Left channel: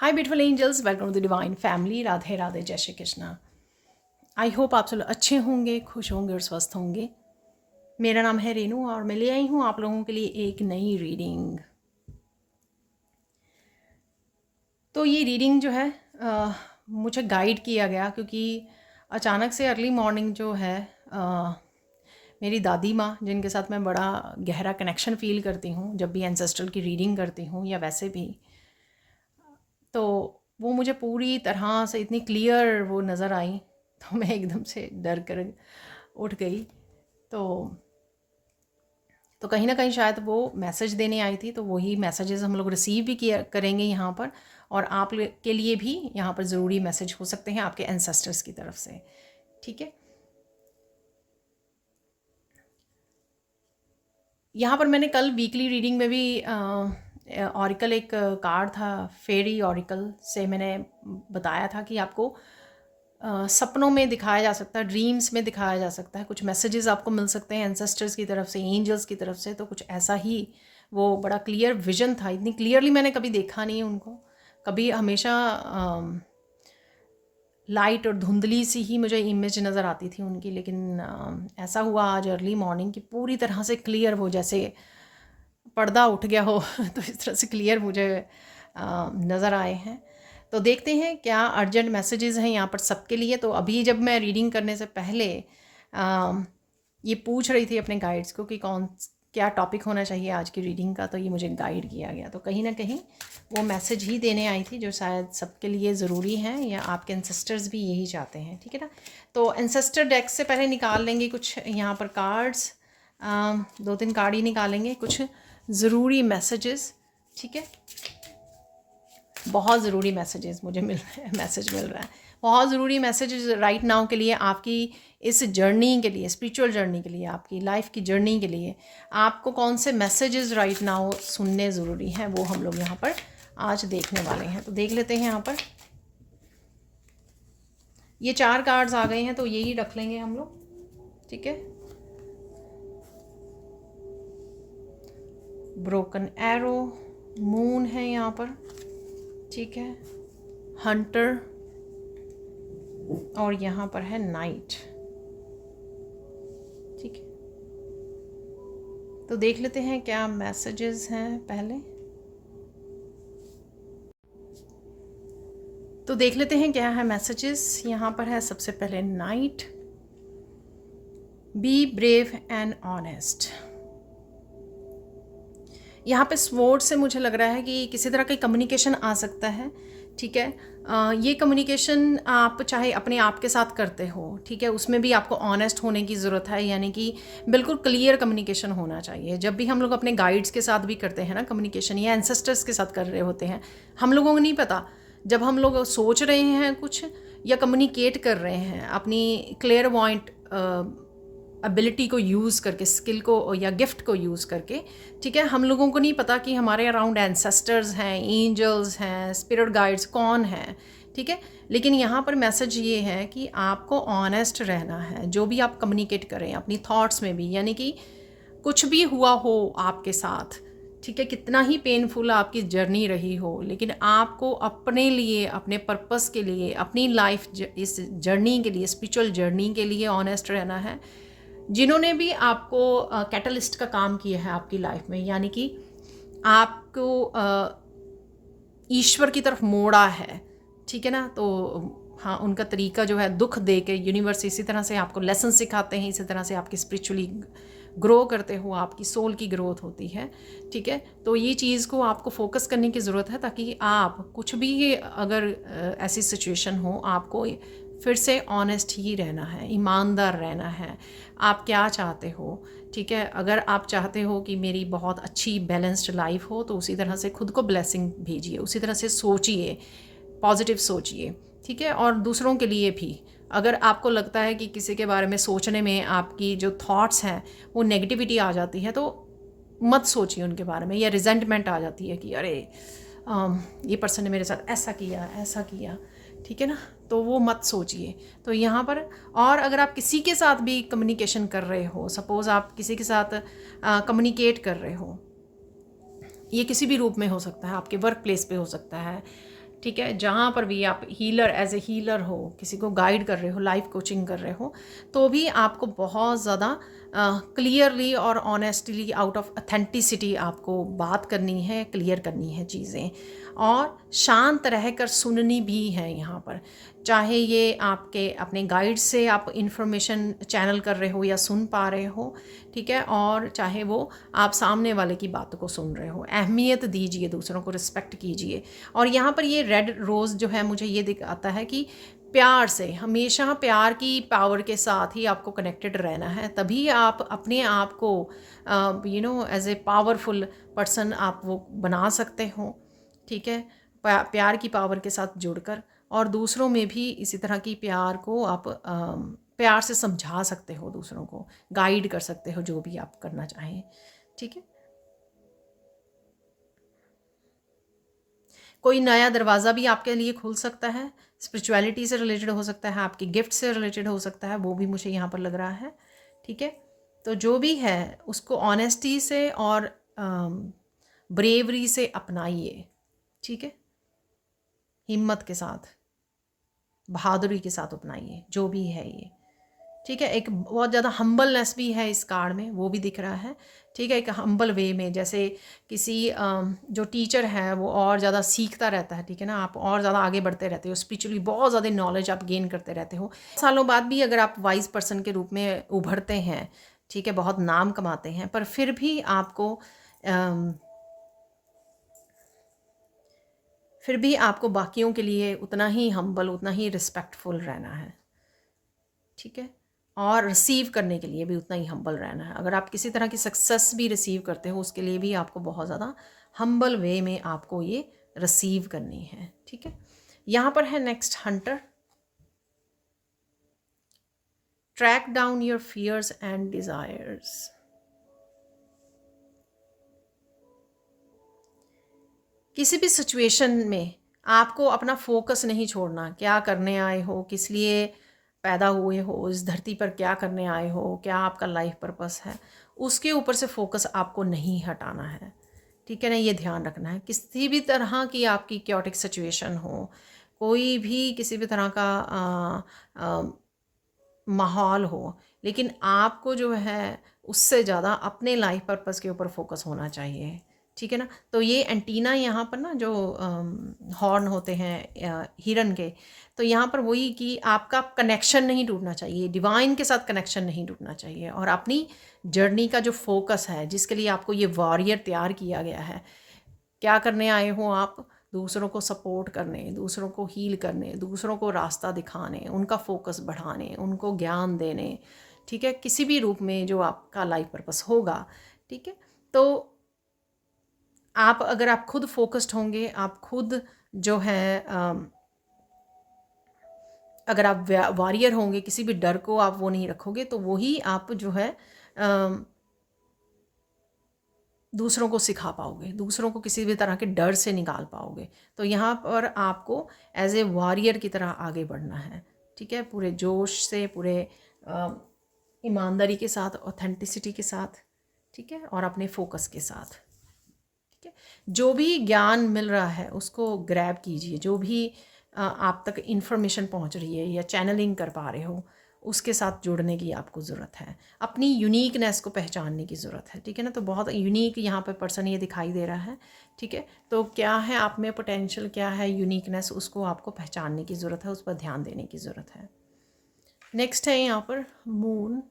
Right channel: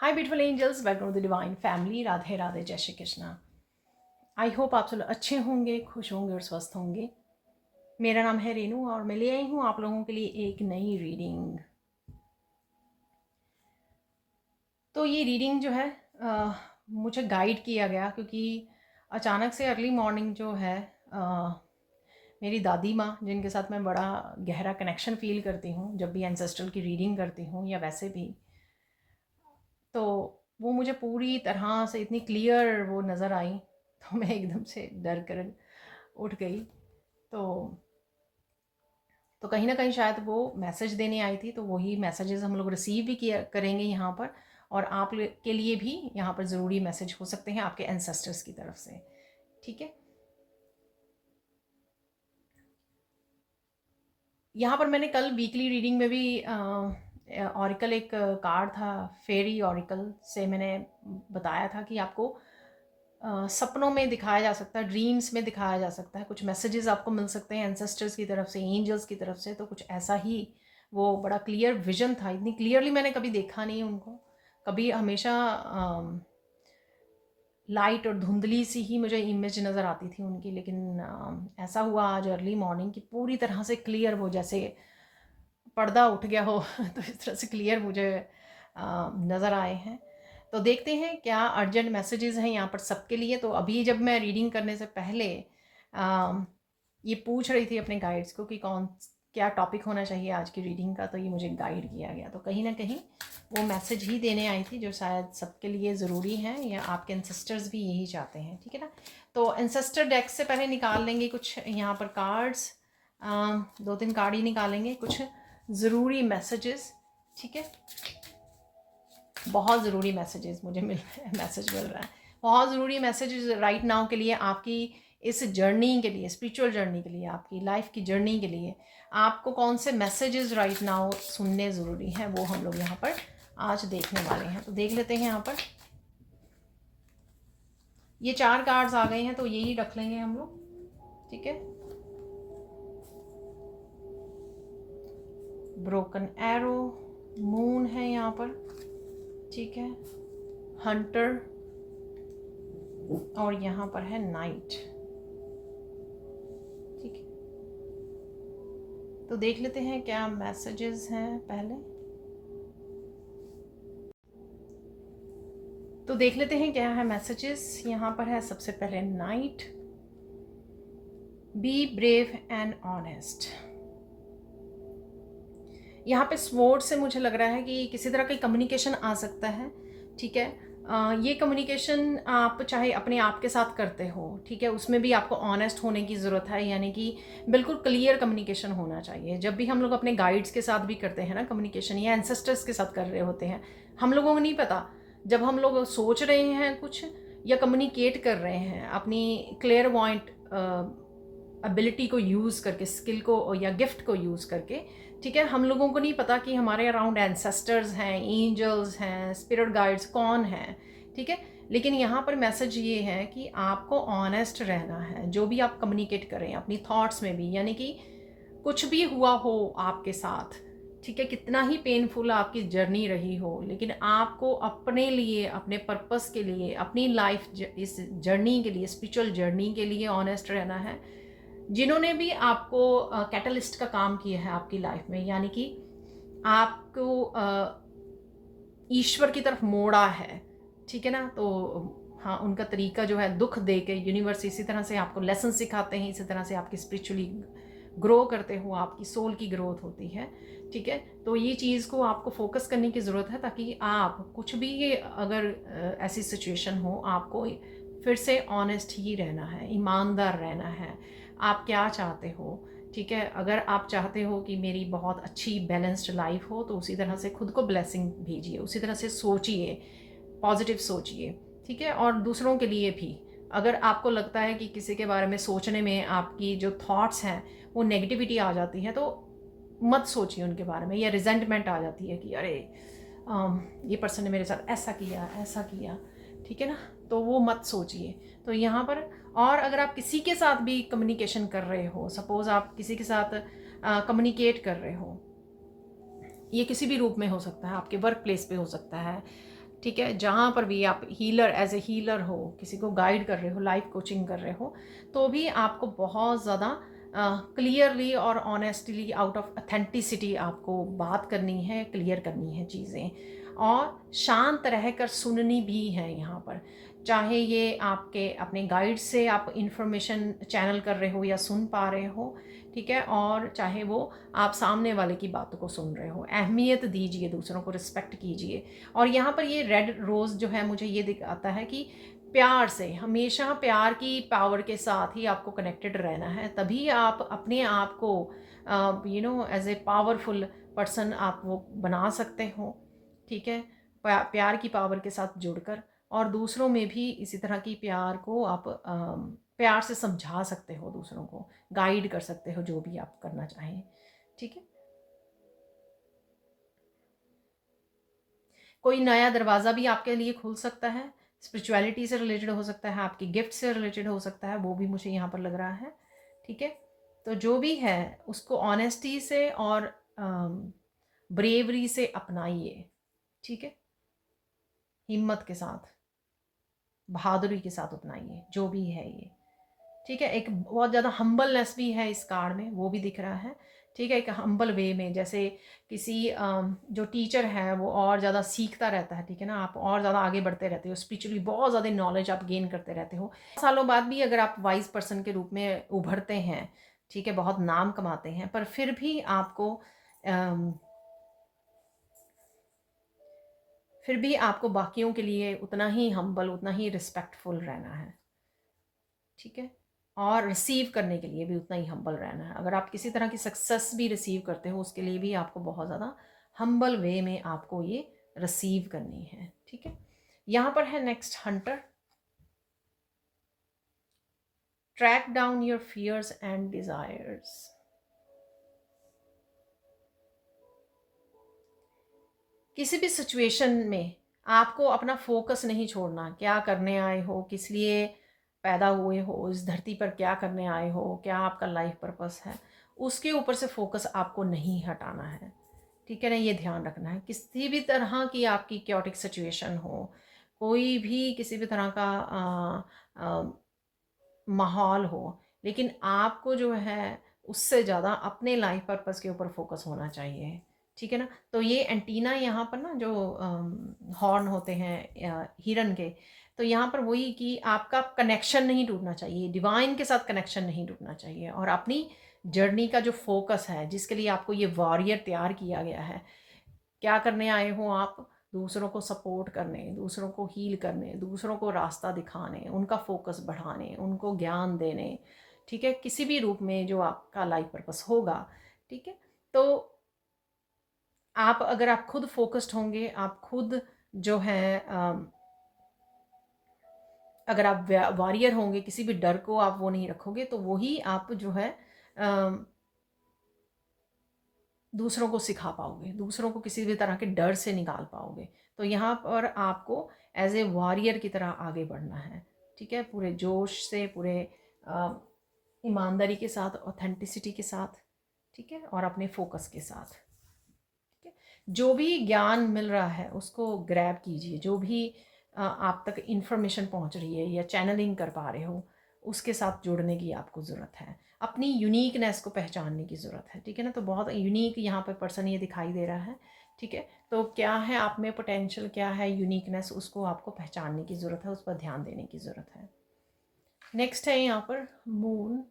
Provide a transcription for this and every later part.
Hi beautiful angels, welcome to the divine family. Radhe Radhe, जय Shri Krishna. I hope आप सब अच्छे होंगे, खुश होंगे और स्वस्थ होंगे। मेरा नाम है रेनू और मैं ले आई हूँ आप लोगों के लिए एक नई रीडिंग। तो ये रीडिंग जो है मुझे गाइड किया गया क्योंकि अचानक से अर्ली मॉर्निंग जो है मेरी दादी माँ, जिनके साथ मैं बड़ा गहरा कनेक्शन फ़ील करती हूँ जब भी एंसेस्ट्रल की रीडिंग करती हूँ या वैसे भी, तो वो मुझे पूरी तरह से इतनी क्लियर वो नज़र आई तो मैं एकदम से डर कर उठ गई। तो कहीं ना कहीं शायद वो मैसेज देने आई थी, तो वही मैसेजेस हम लोग रिसीव भी किया करेंगे यहाँ पर, और आप के लिए भी यहाँ पर ज़रूरी मैसेज हो सकते हैं आपके एंसेस्टर्स की तरफ से। ठीक है, यहाँ पर मैंने कल वीकली रीडिंग में भी ऑरिकल एक कार्ड था, फेरी ऑरिकल से मैंने बताया था कि आपको सपनों में दिखाया जा सकता है, ड्रीम्स में दिखाया जा सकता है, कुछ मैसेजेस आपको मिल सकते हैं एंसेस्टर्स की तरफ से, एंजल्स की तरफ से। तो कुछ ऐसा ही वो बड़ा क्लियर विजन था। इतनी क्लियरली मैंने कभी देखा नहीं उनको, कभी हमेशा लाइट और धुंधली सी ही मुझे इमेज नज़र आती थी उनकी, लेकिन ऐसा हुआ आज अर्ली मॉर्निंग की पूरी तरह से क्लियर, वो जैसे पर्दा उठ गया हो तो इस तरह से क्लियर मुझे नज़र आए हैं। तो देखते हैं क्या अर्जेंट मैसेजेस हैं यहाँ पर सबके लिए। तो अभी जब मैं रीडिंग करने से पहले ये पूछ रही थी अपने गाइड्स को कि क्या टॉपिक होना चाहिए आज की रीडिंग का, तो ये मुझे गाइड किया गया। तो कहीं ना कहीं वो मैसेज ही देने आई थी जो शायद सबके लिए ज़रूरी है, या आपके एंसेस्टर्स भी यही चाहते हैं। ठीक है ना, तो एंसेस्टर डेक से पहले निकाल लेंगे कुछ यहाँ पर कार्ड्स, 2-3 कार्ड ही निकालेंगे, कुछ ज़रूरी मैसेजेस। ठीक है, बहुत ज़रूरी मैसेजेस मुझे मिल रहे हैं, मैसेज मिल रहा है, बहुत ज़रूरी मैसेजेस राइट नाउ के लिए, आपकी इस जर्नी के लिए, स्पिरिचुअल जर्नी के लिए, आपकी लाइफ की जर्नी के लिए आपको कौन से मैसेजेस राइट नाउ सुनने ज़रूरी हैं, वो हम लोग यहाँ पर आज देखने वाले हैं। तो देख लेते हैं यहाँ पर। ये 4 कार्ड्स आ गए हैं तो यही रख लेंगे हम लोग। ठीक है, ब्रोकन एरो, मून है यहाँ पर। ठीक है, हंटर, और यहाँ पर है नाइट। ठीक है, तो देख लेते हैं क्या मैसेजेस हैं पहले। तो देख लेते हैं क्या है मैसेजेस। यहाँ पर है सबसे पहले night, be brave and honest. यहाँ पे स्वॉर्ड से मुझे लग रहा है कि किसी तरह का कम्युनिकेशन आ सकता है। ठीक है, ये कम्युनिकेशन आप चाहे अपने आप के साथ करते हो, ठीक है, उसमें भी आपको ऑनेस्ट होने की ज़रूरत है, यानी कि बिल्कुल क्लियर कम्युनिकेशन होना चाहिए। जब भी हम लोग अपने गाइड्स के साथ भी करते हैं ना कम्युनिकेशन, या एंसेस्टर्स के साथ कर रहे होते हैं, हम लोगों को नहीं पता, जब हम लोग सोच रहे हैं कुछ या कम्युनिकेट कर रहे हैं अपनी क्लियर पॉइंट एबिलिटी को यूज़ करके, स्किल को या गिफ्ट को यूज़ करके, ठीक है, हम लोगों को नहीं पता कि हमारे अराउंड एंसेस्टर्स हैं, एंजल्स हैं, स्पिरिट गाइड्स कौन हैं। ठीक है, लेकिन यहाँ पर मैसेज ये है कि आपको ऑनेस्ट रहना है जो भी आप कम्युनिकेट करें अपनी थॉट्स में भी, यानी कि कुछ भी हुआ हो आपके साथ, ठीक है, कितना ही पेनफुल आपकी जर्नी रही हो, लेकिन आपको अपने लिए, अपने पर्पस के लिए, अपनी लाइफ इस जर्नी के लिए, स्पिरिचुअल जर्नी के लिए ऑनेस्ट रहना है। जिन्होंने भी आपको कैटलिस्ट का काम किया है आपकी लाइफ में, यानी कि आपको ईश्वर की तरफ मोड़ा है, ठीक है ना, तो हाँ, उनका तरीका जो है दुख दे के, यूनिवर्स इसी तरह से आपको लेसन सिखाते हैं, इसी तरह से आपकी स्पिरिचुअली ग्रो करते हो, आपकी सोल की ग्रोथ होती है। ठीक है, तो ये चीज़ को आपको फोकस करने की ज़रूरत है, ताकि आप कुछ भी अगर ऐसी सिचुएशन हो, आपको फिर से ऑनेस्ट ही रहना है, ईमानदार रहना है। आप क्या चाहते हो, ठीक है, अगर आप चाहते हो कि मेरी बहुत अच्छी बैलेंस्ड लाइफ हो, तो उसी तरह से खुद को ब्लेसिंग भेजिए, उसी तरह से सोचिए, पॉजिटिव सोचिए। ठीक है, और दूसरों के लिए भी, अगर आपको लगता है कि किसी के बारे में सोचने में आपकी जो थॉट्स हैं वो नेगेटिविटी आ जाती है, तो मत सोचिए उनके बारे में, या रिजेंटमेंट आ जाती है कि अरे ये पर्सन ने मेरे साथ ऐसा किया, ऐसा किया, ठीक है ना, तो वो मत सोचिए। तो यहाँ पर, और अगर आप किसी के साथ भी कम्युनिकेशन कर रहे हो, सपोज़ आप किसी के साथ कम्युनिकेट कर रहे हो, ये किसी भी रूप में हो सकता है, आपके वर्क प्लेस पे हो सकता है, ठीक है, जहाँ पर भी आप हीलर, एज ए हीलर हो, किसी को गाइड कर रहे हो, लाइफ कोचिंग कर रहे हो, तो भी आपको बहुत ज़्यादा क्लियरली और ऑनेस्टली, आउट ऑफ ऑथेंटिसिटी आपको बात करनी है, क्लियर करनी है चीज़ें, और शांत रहकर सुननी भी है यहाँ पर। चाहे ये आपके अपने गाइड से आप इंफॉर्मेशन चैनल कर रहे हो या सुन पा रहे हो, ठीक है, और चाहे वो आप सामने वाले की बातों को सुन रहे हो, अहमियत दीजिए, दूसरों को रिस्पेक्ट कीजिए। और यहाँ पर ये रेड रोज़ जो है मुझे ये दिखाता है कि प्यार से, हमेशा प्यार की पावर के साथ ही आपको कनेक्टेड रहना है, तभी आप अपने आप को एज ए पावरफुल पर्सन आप वो बना सकते हो, ठीक है, प्यार की पावर के साथ जुड़कर। और दूसरों में भी इसी तरह की प्यार को आप प्यार से समझा सकते हो, दूसरों को गाइड कर सकते हो, जो भी आप करना चाहें, ठीक है। कोई नया दरवाज़ा भी आपके लिए खुल सकता है, स्पिरिचुअलिटी से रिलेटेड हो सकता है, आपकी गिफ्ट से रिलेटेड हो सकता है, वो भी मुझे यहाँ पर लग रहा है, ठीक है। तो जो भी है उसको ऑनेस्टी से और ब्रेवरी से अपनाइए, ठीक है, हिम्मत के साथ, बहादुरी के साथ अपनाइए जो भी है ये, ठीक है। एक बहुत ज़्यादा हम्बलनेस भी है इस कार्ड में, वो भी दिख रहा है, ठीक है, एक हम्बल वे में, जैसे किसी जो टीचर है वो और ज़्यादा सीखता रहता है, ठीक है ना, आप और ज़्यादा आगे बढ़ते रहते हो स्पिरिचुअली, बहुत ज़्यादा नॉलेज आप गेन करते रहते हो। सालों बाद भी अगर आप वाइज पर्सन के रूप में उभरते हैं, ठीक है, बहुत नाम कमाते हैं, पर फिर भी आपको बाकियों के लिए उतना ही हम्बल, उतना ही रिस्पेक्टफुल रहना है, ठीक है, और रिसीव करने के लिए भी उतना ही हम्बल रहना है। अगर आप किसी तरह की सक्सेस भी रिसीव करते हो, उसके लिए भी आपको बहुत ज़्यादा हम्बल वे में आपको ये रिसीव करनी है, ठीक है। यहाँ पर है next hunter, track down your fears and desires. किसी भी सिचुएशन में आपको अपना फोकस नहीं छोड़ना, क्या करने आए हो, किस लिए पैदा हुए हो, इस धरती पर क्या करने आए हो, क्या आपका लाइफ पर्पस है, उसके ऊपर से फोकस आपको नहीं हटाना है, ठीक है ना, ये ध्यान रखना है। किसी भी तरह की आपकी क्योटिक सिचुएशन हो, कोई भी किसी भी तरह का माहौल हो, लेकिन आपको जो है उससे ज़्यादा अपने लाइफ पर्पस के ऊपर फोकस होना चाहिए, ठीक है ना। तो ये एंटीना यहाँ पर ना जो हॉर्न होते हैं हिरन के, तो यहाँ पर वही कि आपका कनेक्शन नहीं टूटना चाहिए, डिवाइन के साथ कनेक्शन नहीं टूटना चाहिए, और अपनी जर्नी का जो फोकस है, जिसके लिए आपको ये वॉरियर तैयार किया गया है, क्या करने आए हो आप, दूसरों को सपोर्ट करने, दूसरों को हील करने, दूसरों को रास्ता दिखाने, उनका फोकस बढ़ाने, उनको ज्ञान देने, ठीक है, किसी भी रूप में जो आपका लाइफ पर्पस होगा, ठीक है। तो अगर आप खुद फोकस्ड होंगे, आप खुद जो है अगर आप वॉरियर होंगे, किसी भी डर को आप वो नहीं रखोगे, तो वही आप जो है दूसरों को सिखा पाओगे, दूसरों को किसी भी तरह के डर से निकाल पाओगे। तो यहाँ पर आपको एज ए वॉरियर की तरह आगे बढ़ना है, ठीक है, पूरे जोश से, पूरे ईमानदारी के साथ, ऑथेंटिसिटी के साथ, ठीक है, और अपने फोकस के साथ, ठीक है। जो भी ज्ञान मिल रहा है उसको ग्रैब कीजिए, जो भी आप तक इन्फॉर्मेशन पहुंच रही है या चैनलिंग कर पा रहे हो, उसके साथ जुड़ने की आपको ज़रूरत है, अपनी यूनिकनेस को पहचानने की ज़रूरत है, ठीक है ना। तो बहुत यूनिक यहाँ पे पर्सन ये दिखाई दे रहा है, ठीक है। तो क्या है आप में पोटेंशियल, क्या है यूनिकनेस, उसको आपको पहचानने की ज़रूरत है, उस पर ध्यान देने की ज़रूरत है। नेक्स्ट है यहाँ पर मून।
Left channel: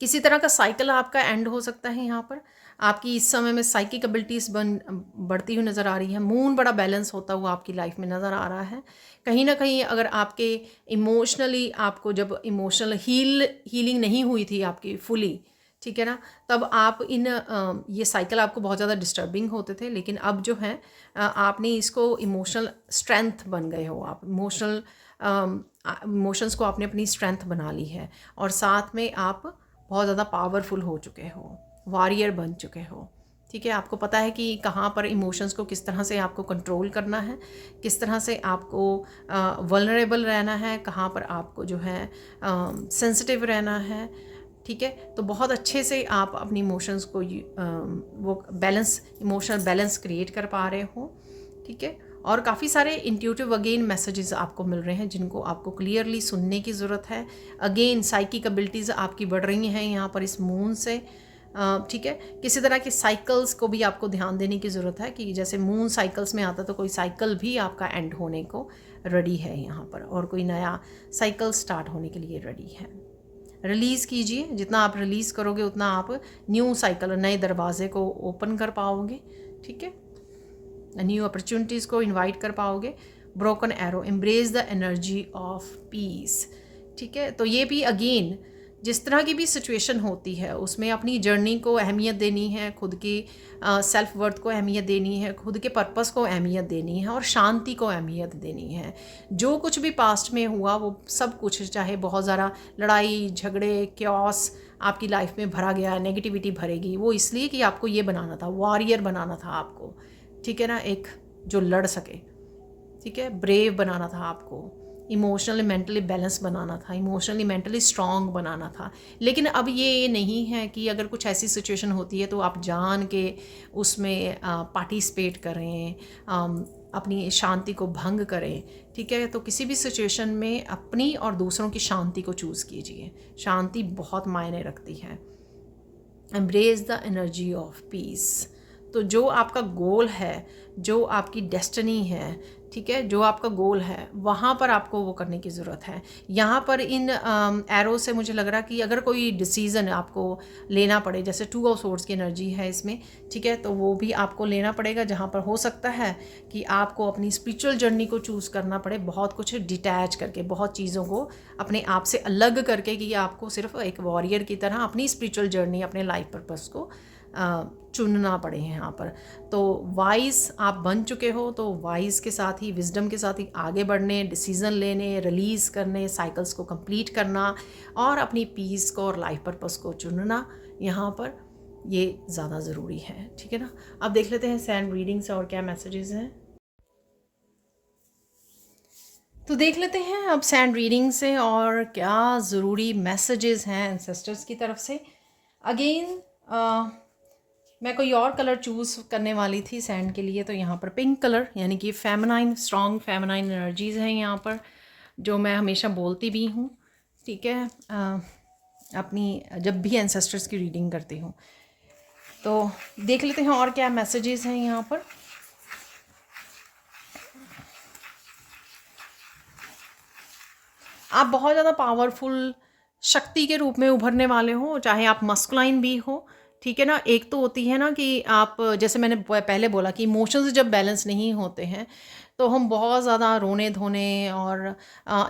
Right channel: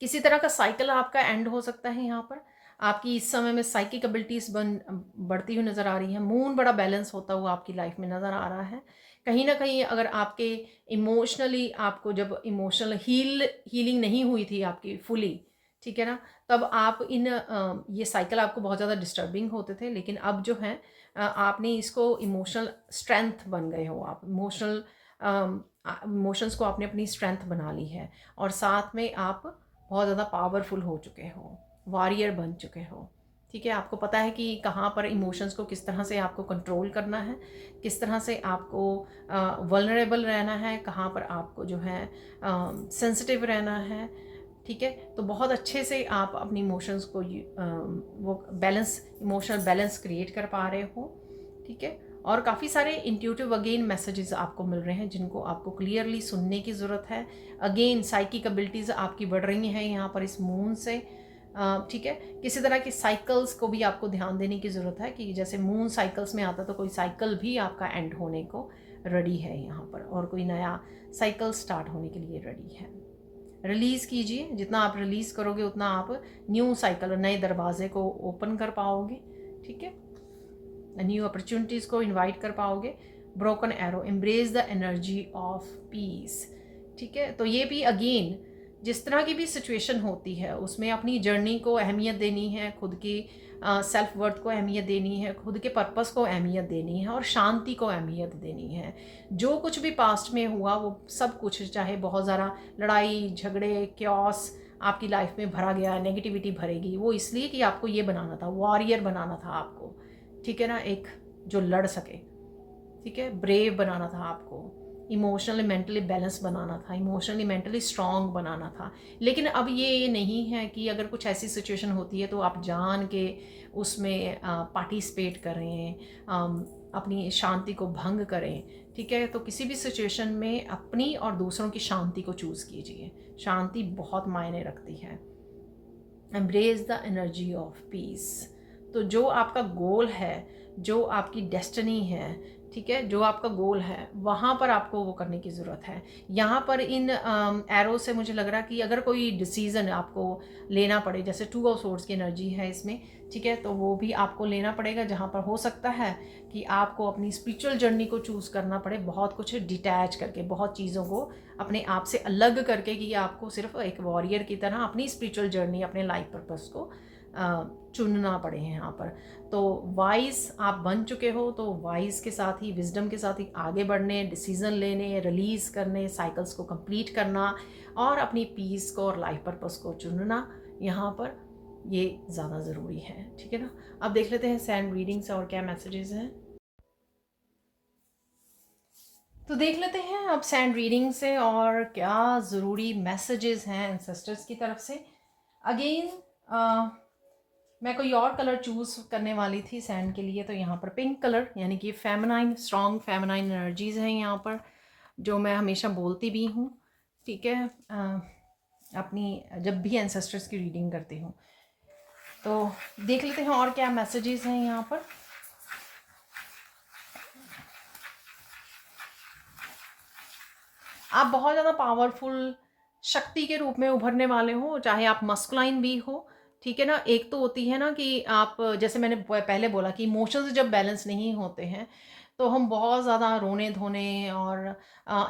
किसी तरह का साइकिल आपका एंड हो सकता है, यहाँ पर आपकी इस समय में साइकिक एबिलिटीज़ बढ़ती हुई नज़र आ रही है। मून बड़ा बैलेंस होता हुआ आपकी लाइफ में नज़र आ रहा है। कहीं ना कहीं अगर आपके इमोशनली, आपको जब इमोशनल हीलिंग नहीं हुई थी आपकी फुली, ठीक है ना, तब आप ये साइकिल आपको बहुत ज़्यादा डिस्टर्बिंग होते थे, लेकिन अब जो है आपने इसको इमोशनल स्ट्रेंथ बन गए हो, आप इमोशंस को आपने अपनी स्ट्रेंथ बना ली है, और साथ में आप बहुत ज़्यादा पावरफुल हो चुके हो, वॉरियर बन चुके हो, ठीक है। आपको पता है कि कहाँ पर इमोशंस को किस तरह से आपको कंट्रोल करना है, किस तरह से आपको वल्नरेबल रहना है, कहाँ पर आपको जो है सेंसिटिव रहना है, ठीक है। तो बहुत अच्छे से आप अपनी इमोशंस को वो बैलेंस, इमोशनल बैलेंस क्रिएट कर पा रहे हो, ठीक है। और काफ़ी सारे इंट्यूटिव अगेन मैसेजेस आपको मिल रहे हैं जिनको आपको क्लियरली सुनने की ज़रूरत है। अगेन साइकिक एबिलिटीज़ आपकी बढ़ रही हैं यहाँ पर इस मून से, ठीक है। किसी तरह की साइकिल्स को भी आपको ध्यान देने की ज़रूरत है कि जैसे मून साइकिल्स में आता तो कोई साइकिल भी आपका एंड होने को रेडी है यहाँ पर, और कोई नया साइकिल स्टार्ट होने के लिए रेडी है। रिलीज़ कीजिए, जितना आप रिलीज़ करोगे उतना आप न्यू साइकिल, नए दरवाजे को ओपन कर पाओगे, ठीक है। न्यू अपॉर्चुनिटीज़ को इनवाइट कर पाओगे। Broken arrow, embrace the energy of peace, ठीक है। तो ये भी अगेन जिस तरह की भी सिचुएशन होती है उसमें अपनी जर्नी को अहमियत देनी है, खुद की सेल्फ वर्थ को अहमियत देनी है, खुद के पर्पस को अहमियत देनी है और शांति को अहमियत देनी है। जो कुछ भी पास्ट में हुआ वो सब कुछ, चाहे बहुत ज़्यादा लड़ाई झगड़े क्योस आपकी लाइफ में भरा गया है, नेगेटिविटी भरेगी, वो इसलिए कि आपको ये बनाना था, वॉरियर बनाना था आपको, ठीक है ना, एक जो लड़ सके, ठीक है, ब्रेव बनाना था आपको, इमोशनली मेंटली बैलेंस बनाना था, इमोशनली मेंटली स्ट्रॉन्ग बनाना था। लेकिन अब ये नहीं है कि अगर कुछ ऐसी सिचुएशन होती है तो आप जान के उसमें पार्टिसिपेट करें, अपनी शांति को भंग करें, ठीक है। तो किसी भी सिचुएशन में अपनी और दूसरों की शांति को चूज़ कीजिए। शांति बहुत मायने रखती है। Embrace the energy of peace. तो जो आपका गोल है, जो आपकी डेस्टिनी है, ठीक है, जो आपका गोल है वहाँ पर आपको वो करने की ज़रूरत है। यहाँ पर इन एरो से मुझे लग रहा कि अगर कोई डिसीज़न आपको लेना पड़े, जैसे 2 ऑफ सोर्ड्स की एनर्जी है इसमें, ठीक है, तो वो भी आपको लेना पड़ेगा, जहाँ पर हो सकता है कि आपको अपनी स्पिरिचुअल जर्नी को चूज़ करना पड़े, बहुत कुछ डिटैच करके, बहुत चीज़ों को अपने आप से अलग करके, कि आपको सिर्फ एक वॉरियर की तरह अपनी स्पिरिचुअल जर्नी, अपने लाइफ पर्पस को चुनना पड़े हैं यहाँ पर। तो वाइज आप बन चुके हो, तो वाइज के साथ ही, विजडम के साथ ही आगे बढ़ने, डिसीज़न लेने, रिलीज़ करने, साइकिल्स को कंप्लीट करना और अपनी पीस को और लाइफ पर्पस को चुनना यहाँ पर, ये ज़्यादा ज़रूरी है, ठीक है ना। अब देख लेते हैं सैंड रीडिंग से और क्या मैसेजेस हैं। तो देख लेते हैं अब सैंड रीडिंग से और क्या ज़रूरी मैसेजेस हैं एंसेस्टर्स की तरफ से। अगेन मैं कोई और कलर चूज़ करने वाली थी सैंड के लिए, तो यहाँ पर पिंक कलर, यानी कि फेमिनाइन, स्ट्रॉन्ग फेमिनाइन एनर्जीज़ हैं यहाँ पर, जो मैं हमेशा बोलती भी हूँ, ठीक है, अपनी जब भी एंसेस्टर्स की रीडिंग करती हूँ। तो देख लेते हैं और क्या मैसेजेस हैं यहाँ पर। आप बहुत ज़्यादा पावरफुल शक्ति के रूप में उभरने वाले हो, चाहे आप मस्कुलाइन भी हो, ठीक है ना। एक तो होती है ना कि आप, जैसे मैंने पहले बोला कि इमोशंस जब बैलेंस नहीं होते हैं तो हम बहुत ज़्यादा रोने धोने और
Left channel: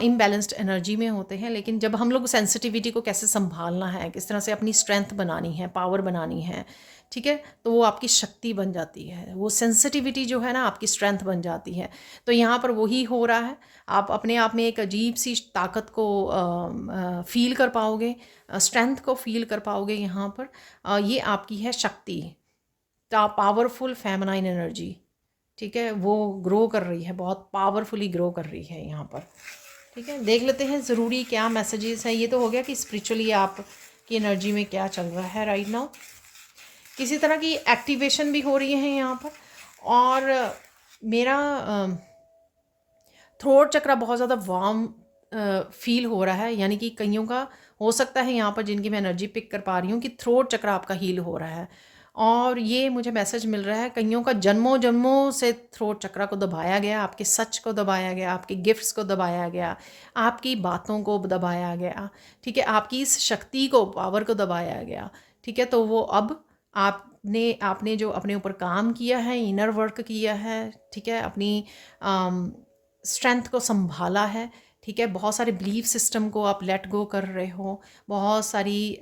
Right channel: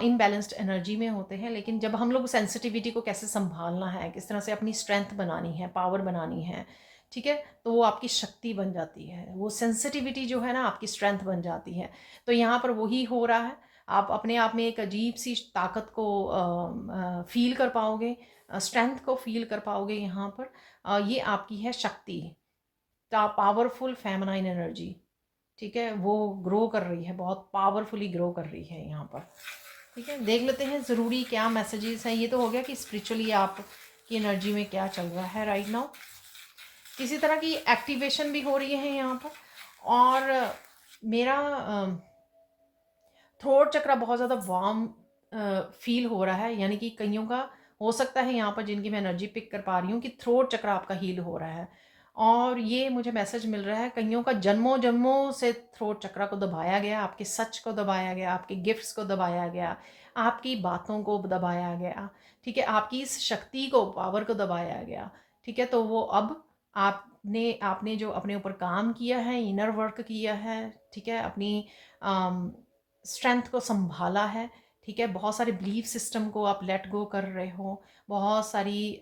इनबैलेंस्ड एनर्जी में होते हैं। लेकिन जब हम लोग सेंसिटिविटी को कैसे संभालना है, किस तरह से अपनी स्ट्रेंथ बनानी है, पावर बनानी है, ठीक है, तो वो आपकी शक्ति बन जाती है, वो सेंसिटिविटी जो है ना आपकी स्ट्रेंथ बन जाती है। तो यहाँ पर वही हो रहा है। आप अपने आप में एक अजीब सी ताकत को फील कर पाओगे, स्ट्रेंथ को फील कर पाओगे यहाँ पर। ये आपकी है शक्ति, पावरफुल फेमिनाइन एनर्जी, ठीक है, वो ग्रो कर रही है, बहुत पावरफुली ग्रो कर रही है यहाँ पर, ठीक है। देख लेते हैं ज़रूरी क्या मैसेजेस हैं। ये तो हो गया कि स्पिरिचुअली आप की एनर्जी में क्या चल रहा है राइट नाउ। किसी तरह की एक्टिवेशन भी हो रही है यहाँ पर, और मेरा थ्रोट चक्रा बहुत ज़्यादा वार्म फील हो रहा है, यानी कि कईयों का हो सकता है यहाँ पर, जिनकी मैं एनर्जी पिक कर पा रही हूँ, कि थ्रोट चक्रा आपका हील हो रहा है। और ये मुझे मैसेज मिल रहा है, कईयों का जन्मों जन्मों से थ्रोट चक्रा को दबाया गया, आपके सच को दबाया गया, आपके गिफ्ट्स को दबाया गया, आपकी बातों को दबाया गया, ठीक है, आपकी इस शक्ति को, पावर को दबाया गया, ठीक है। तो वो अब आपने जो अपने ऊपर काम किया है, इनर वर्क किया है, ठीक है, अपनी स्ट्रेंथ को संभाला है, ठीक है, बहुत सारे बिलीफ सिस्टम को आप लेट गो कर रहे हो, बहुत सारी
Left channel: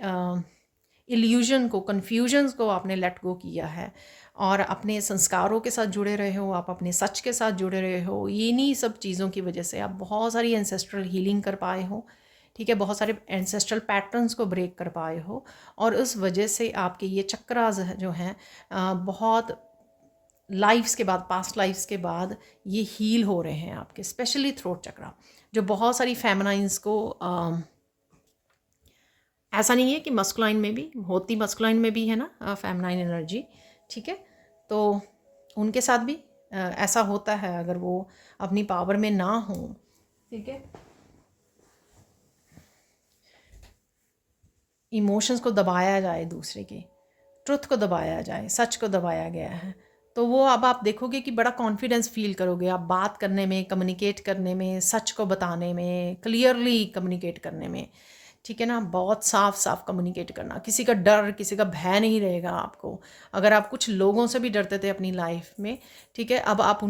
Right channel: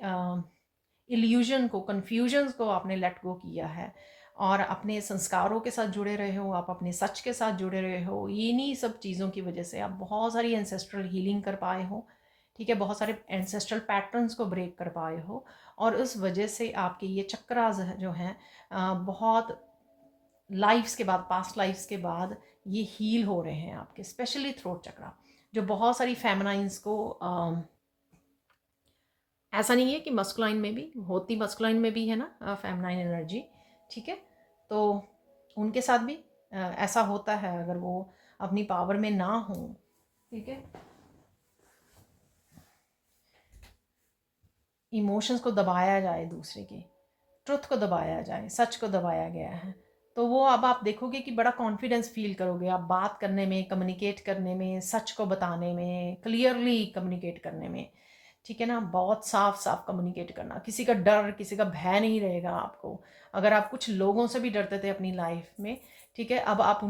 इल्यूजन को, कन्फ्यूजन्स को आपने लेट गो किया है, और अपने संस्कारों के साथ जुड़े रहे हो, आप अपने सच के साथ जुड़े रहे हो। इन्हीं सब चीज़ों की वजह से आप बहुत सारी एंसेस्ट्रल हीलिंग कर पाए हो, ठीक है, बहुत सारे एंसेस्ट्रल पैटर्न्स को ब्रेक कर पाए हो, और उस वजह से आपके ये चक्रास जो हैं बहुत लाइफ्स के बाद, पास्ट लाइफ्स के बाद ये हील हो रहे हैं आपके, स्पेशली थ्रोट चक्रा, जो बहुत सारी फेमिनाइंस को ऐसा नहीं है कि मस्कुलाइन में भी मस्कुलाइन में भी है ना फेमिनाइन एनर्जी, ठीक है, तो उनके साथ भी ऐसा होता है अगर वो अपनी पावर में ना हो, ठीक है, इमोशंस को दबाया जाए, दूसरे के ट्रुथ को दबाया जाए, सच को दबाया गया है, तो वो अब आप देखोगे कि बड़ा कॉन्फिडेंस फील करोगे आप बात करने में, कम्युनिकेट करने में, सच को बताने में, क्लियरली कम्युनिकेट करने में, ठीक है ना। बहुत साफ साफ कम्युनिकेट करना, किसी का डर, किसी का भय नहीं रहेगा आपको। अगर आप कुछ लोगों से भी डरते थे अपनी लाइफ में, ठीक है, अब आप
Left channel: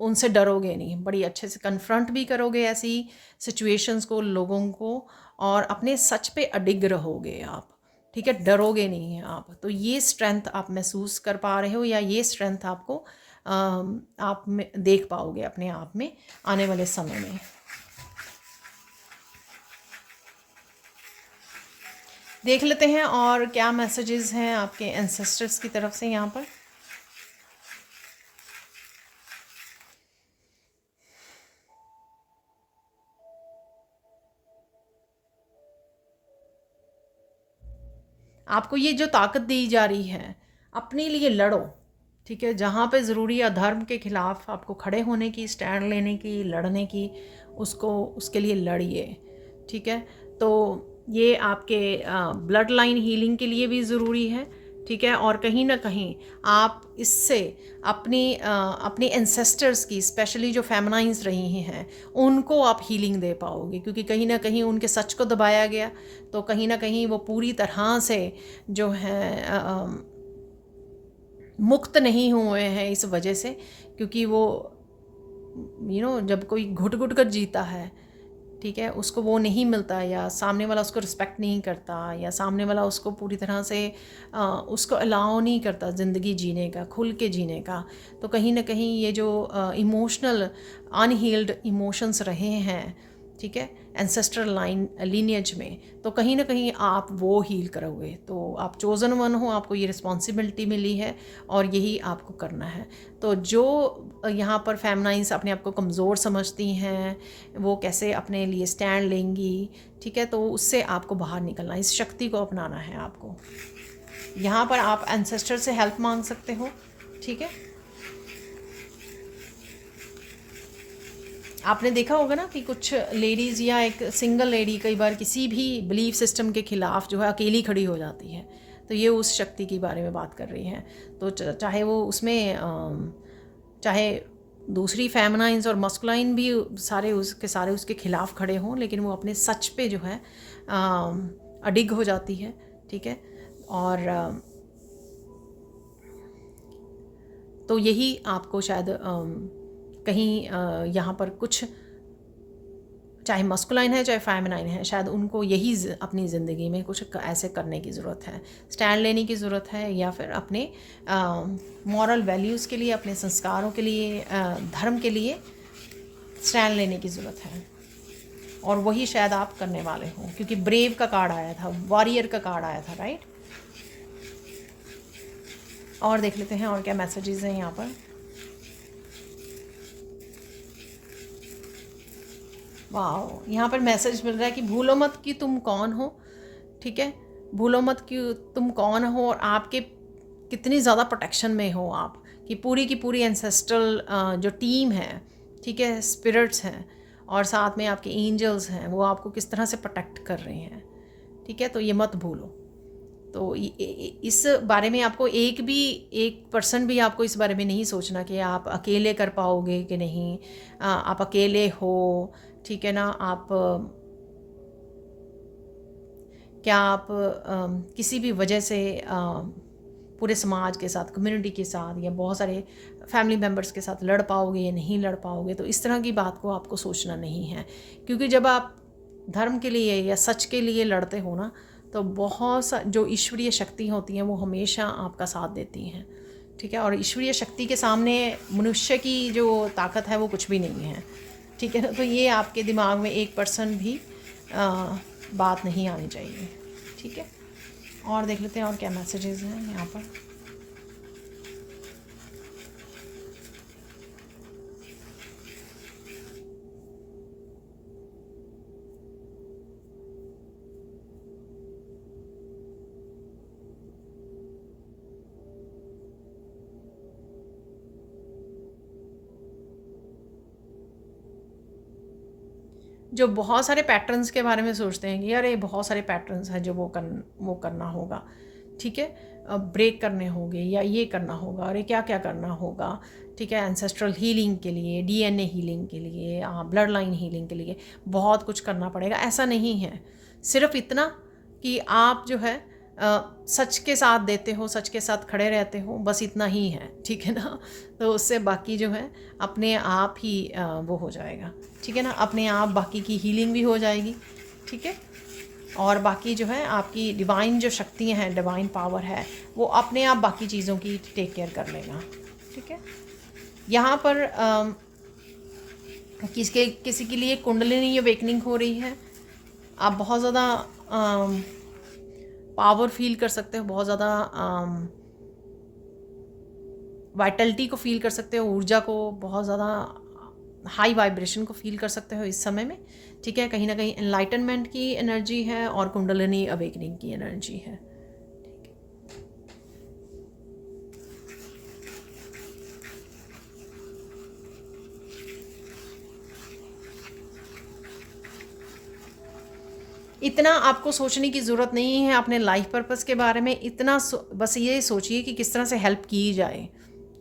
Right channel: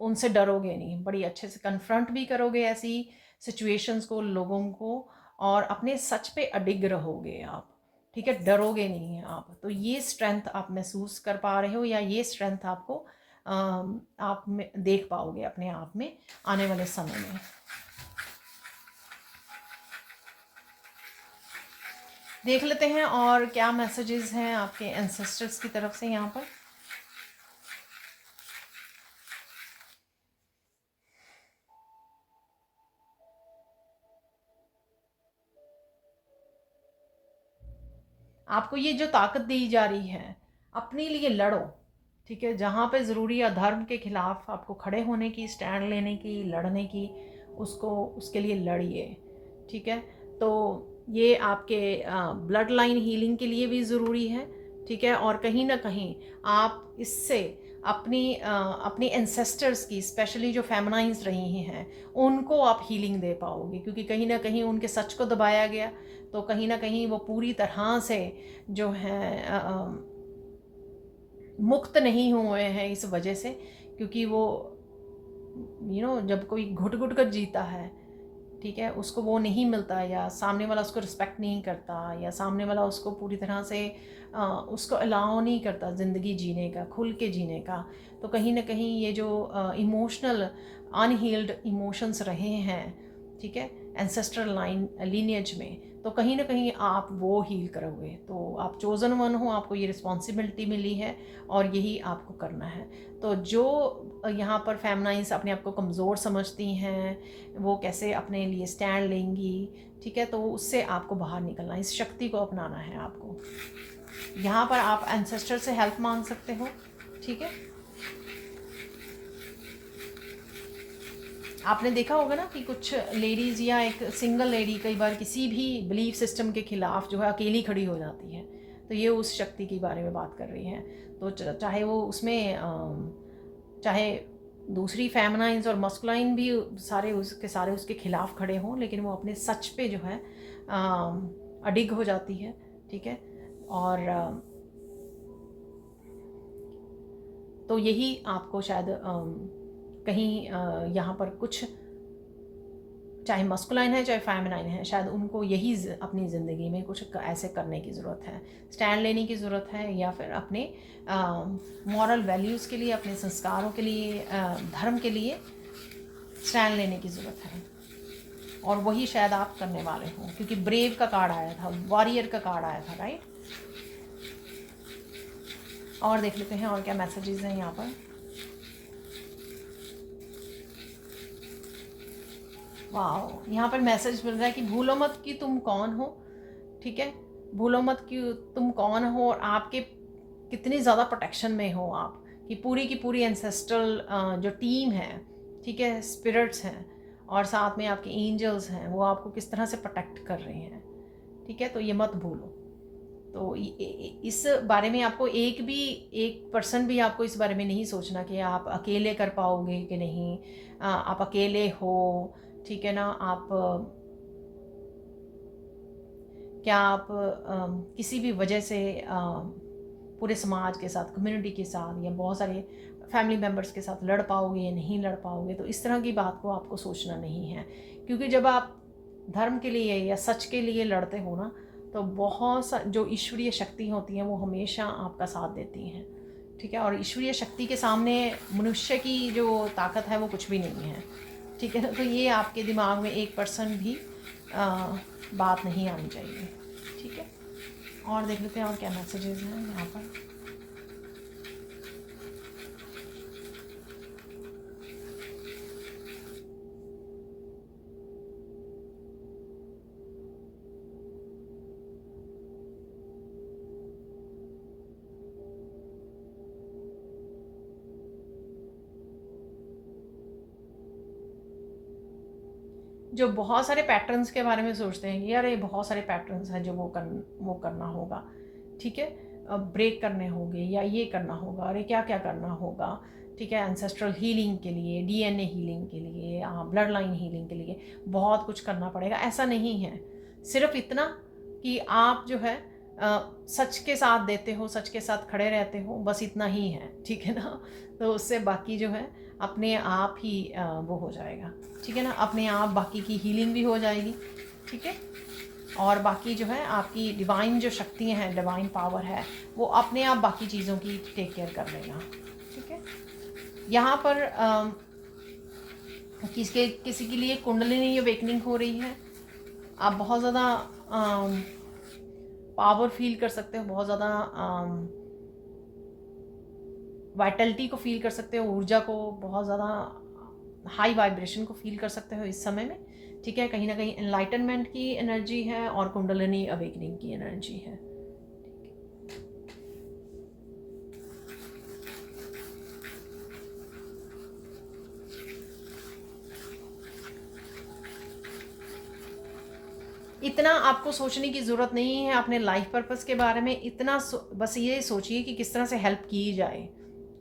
उनसे डरोगे नहीं, बड़ी अच्छे से कन्फ्रंट भी करोगे ऐसी सिचुएशंस को, लोगों को, और अपने सच पे अडिग रहोगे आप, ठीक है, डरोगे नहीं हैं आप। तो ये स्ट्रेंथ आप महसूस कर पा रहे हो, या ये स्ट्रेंथ आपको आप में देख पाओगे अपने आप में आने वाले समय में। देख लेते हैं और क्या मैसेजेस हैं आपके एंसेस्टर्स की तरफ से यहाँ पर। आपको ये जो ताकत दी जा रही है, अपने लिए लड़ो, ठीक है, जहाँ पे ज़रूरी है अधर्म के ख़िलाफ़ आपको खड़े होने की, स्टैंड लेने की, लड़ने की, उसको उसके लिए लड़िए, ठीक है। तो ये आपके ब्लड लाइन हीलिंग के लिए भी ज़रूरी है, ठीक है, और कहीं ना कहीं आप इससे अपनी एंसेस्टर्स की, स्पेशली जो फेमिनाइंस रही हैं, उनको आप हीलिंग दे पाओगे, क्योंकि कहीं ना कहीं उनके सच को दबाया गया, तो कहीं ना कहीं वो पूरी तरह से जो है मुक्त नहीं हुए हैं इस वजह से, क्योंकि वो जब कोई घुट घुट कर जीता है, ठीक है, उसको वो नहीं मिलता, या सामने वाला उसको रिस्पेक्ट नहीं करता, या सामने वाला उसको पूरी तरह से उसको अलाउ नहीं करता ज़िंदगी जीने का, खुल के जीने का, तो कहीं ना कहीं ये जो इमोशनल अनहील्ड इमोशंस रहे हैं, ठीक है, एंसेस्ट्रल लाइन लीनियज में, तो कहीं ना कहीं आप वो हील करोगे। तो आप चोज़न वन हो, आपको ये रिस्पॉन्सिबिलिटी मिली है और यही आपको करना है। तो जो यहाँ पर फेमिनाइंस अपने आप को कमज़ोर समझती हैं, वो कैसे अपने लिए स्टैंड लेंगी, ठीक है, तो उससे आपको बाहर निकलना, इस शक्ति को अपनाना है आपको। यहाँ पर आप एंसेस्टर से हेल्प मांग सकते हो, ठीक है। आपने देखा होगा ना कि कुछ लेडीज़ या एक सिंगल लेडी कई बार किसी भी बिलीफ सिस्टम के ख़िलाफ़ जो है अकेली खड़ी हो जाती है, तो ये उस शक्ति के बारे में बात कर रही हैं। तो चाहे वो उसमें चाहे दूसरी फेमिनाइंस और मस्कुलाइन भी सारे उसके ख़िलाफ़ खड़े हों, लेकिन वो अपने सच पे जो है अडिग हो जाती है, ठीक है। और तो यही आपको शायद कहीं यहाँ पर कुछ, चाहे मस्कुलाइन है चाहे फेमिनाइन है, शायद उनको यही अपनी ज़िंदगी में कुछ ऐसे करने की ज़रूरत है, स्टैंड लेने की ज़रूरत है, या फिर अपने मॉरल वैल्यूज़ के लिए, अपने संस्कारों के लिए, धर्म के लिए स्टैंड लेने की ज़रूरत है। और वही शायद आप करने वाले हों, क्योंकि ब्रेव का कार्ड आया था, वॉरियर का कार्ड आया था, राइट। और देख लेते हैं और क्या मैसेजेस हैं यहाँ पर। वाह, यहाँ पर मैसेज मिल रहा है कि भूलो मत कि तुम कौन हो, ठीक है, भूलो मत कि तुम कौन हो और आपके कितनी ज़्यादा प्रोटेक्शन में हो आप, कि पूरी की पूरी एंसेस्ट्रल जो टीम है, ठीक है, स्पिरिट्स हैं और साथ में आपके एंजल्स हैं, वो आपको किस तरह से प्रोटेक्ट कर रहे हैं, ठीक है, तो ये मत भूलो। तो इस बारे में आपको एक पर्सन भी आपको इस बारे में नहीं सोचना कि आप अकेले कर पाओगे कि नहीं, आप अकेले हो, ठीक है ना। आप क्या आप किसी भी वजह से पूरे समाज के साथ, कम्युनिटी के साथ, या बहुत सारे फैमिली मेम्बर्स के साथ लड़ पाओगे या नहीं लड़ पाओगे, तो इस तरह की बात को आपको सोचना नहीं है, क्योंकि जब आप धर्म के लिए या सच के लिए लड़ते हो ना, तो बहुत सा जो ईश्वरीय शक्ति होती हैं वो हमेशा आपका साथ देती हैं, ठीक है। और ईश्वरीय शक्ति के सामने मनुष्य की जो ताकत है वो कुछ भी नहीं है, ठीक है ना। तो ये आपके दिमाग में 1% भी बात नहीं आनी चाहिए, ठीक है। और देख लेते हैं और क्या मैसेजेस हैं यहाँ पर। जो बहुत सारे पैटर्न्स के बारे में सोचते हैं कि यार ये बहुत सारे पैटर्न्स हैं जो वो करना होगा, ठीक है, ब्रेक करने होंगे या ये करना होगा, अरे क्या क्या करना होगा, ठीक है, एंसेस्ट्रल हीलिंग के लिए, डीएनए हीलिंग के लिए, ब्लड लाइन हीलिंग के लिए बहुत कुछ करना पड़ेगा। ऐसा नहीं है, सिर्फ इतना कि आप जो है सच के साथ देते हो, सच के साथ खड़े रहते हो, बस इतना ही है, ठीक है ना। तो उससे बाकी जो है अपने आप ही वो हो जाएगा, ठीक है ना, अपने आप बाकी की हीलिंग भी हो जाएगी, ठीक है। और बाकी जो है आपकी डिवाइन जो शक्तियाँ हैं, डिवाइन पावर है, वो अपने आप बाकी चीज़ों की टेक केयर कर लेगा, ठीक है। यहाँ पर किसी के लिए कुंडलिनी अवेकनिंग हो रही है। आप बहुत ज़्यादा पावर फील कर सकते हो, बहुत ज़्यादा वाइटलिटी को फील कर सकते हो, ऊर्जा को, बहुत ज़्यादा हाई वाइब्रेशन को फील कर सकते हो इस समय में, ठीक है। कहीं ना कहीं एनलाइटनमेंट की एनर्जी है और कुंडलिनी अवेकनिंग की एनर्जी है। इतना आपको सोचने की ज़रूरत नहीं है अपने लाइफ पर्पस के बारे में, इतना बस ये सोचिए कि किस तरह से हेल्प की जाए,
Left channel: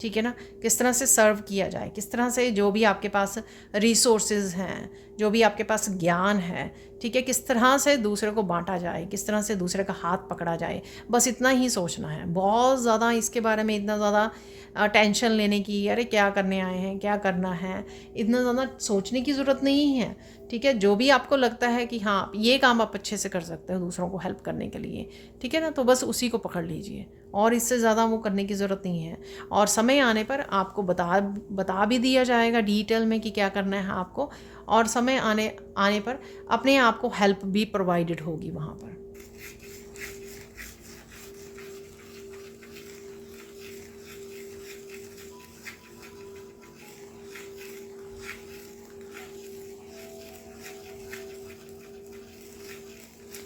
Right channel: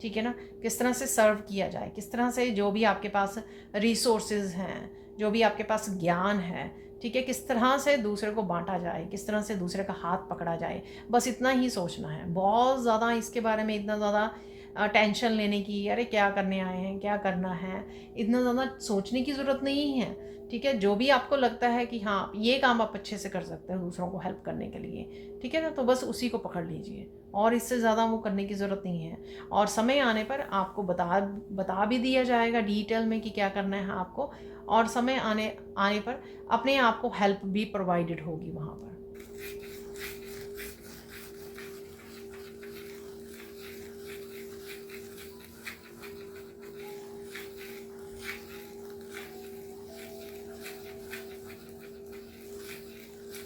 ठीक है ना, किस तरह से सर्व किया जाए, किस तरह से जो भी आपके पास रिसोर्सेज हैं, जो भी आपके पास ज्ञान है, ठीक है, किस तरह से दूसरे को बांटा जाए, किस तरह से दूसरे का हाथ पकड़ा जाए, बस इतना ही सोचना है। बहुत ज़्यादा इसके बारे में इतना ज़्यादा टेंशन लेने की, अरे क्या करने आए हैं, क्या करना है, इतना ज़्यादा सोचने की ज़रूरत नहीं है, ठीक है। जो भी आपको लगता है कि हाँ ये काम आप अच्छे से कर सकते हो दूसरों को हेल्प करने के लिए, ठीक है ना, तो बस उसी को पकड़ लीजिए और इससे ज़्यादा वो करने की ज़रूरत नहीं है। और समय आने पर आपको बता भी दिया जाएगा डिटेल में कि क्या करना है आपको, और समय आने पर अपने आप को हेल्प भी प्रोवाइडेड होगी वहाँ पर।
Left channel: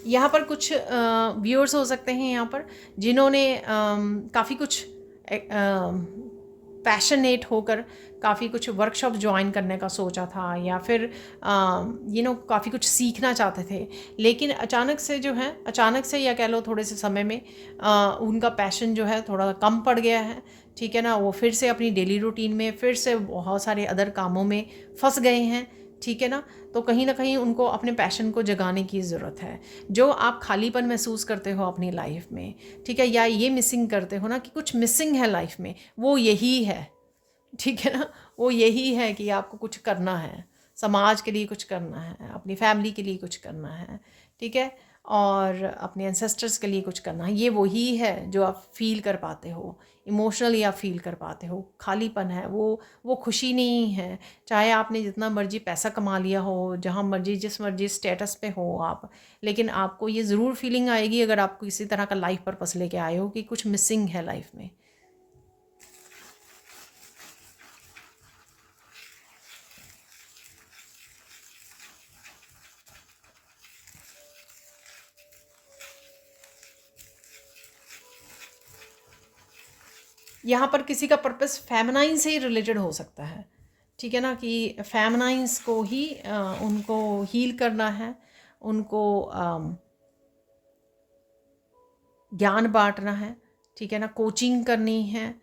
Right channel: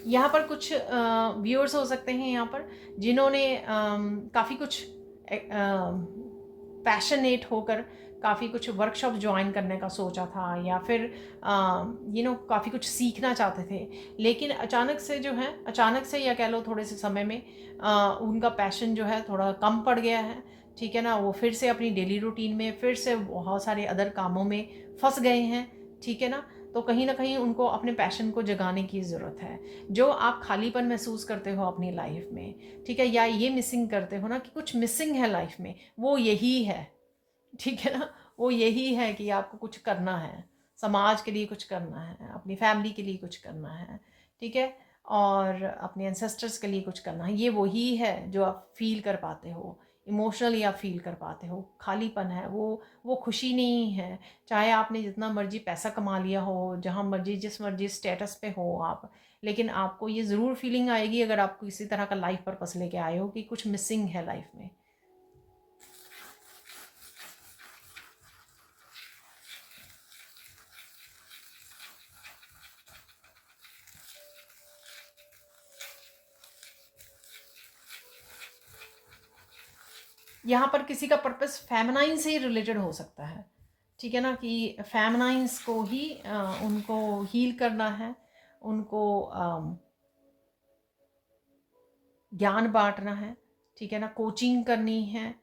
यहाँ पर कुछ व्यूअर्स हो सकते हैं यहाँ पर जिन्होंने काफ़ी कुछ पैशनेट होकर काफ़ी कुछ वर्कशॉप ज्वाइन करने का सोचा था, या फिर काफ़ी कुछ सीखना चाहते थे, लेकिन अचानक से या कह लो थोड़े से समय में उनका पैशन जो है थोड़ा कम पड़ गया है, ठीक है ना। वो फिर से अपनी डेली रूटीन में फिर से बहुत सारे अदर कामों में फंस गए हैं, ठीक है ना। तो कहीं ना कहीं उनको अपने पैशन को जगाने की ज़रूरत है। जो आप खालीपन महसूस करते हो अपनी लाइफ में, ठीक है, या ये मिसिंग करते हो ना कि कुछ मिसिंग है लाइफ में, वो यही है, ठीक है ना, वो यही है कि आपको कुछ करना है, समाज के लिए कुछ करना है, अपनी फैमिली के लिए कुछ करना है, ठीक है, और अपने एंसेस्टर्स के लिए कुछ करना है। ये वही है जो आप फील कर पाते हो, इमोशनली आप फील कर पाते हो। खालीपन है वो खुशी नहीं है। चाहे आपने जितना मर्जी पैसा कमा लिया हो, जहाँ मर्जी जिस मर्जी स्टेटस पे हो आप, लेकिन आपको ये ज़रूर फीलिंग आएगी अगर आप किसी तरह का लाइफ पर्पस लेके आए हो कि कुछ मिसिंग है लाइफ में। यहाँ पर किसी का पर्पस फेमिनाइन से ही रिलेटेड हो सकता है, ठीक है ना, कि फेमिनाइंस को ही उनको हील करना है, उनको ज्ञान बांटना है, ठीक है ना, कोचिंग करनी है,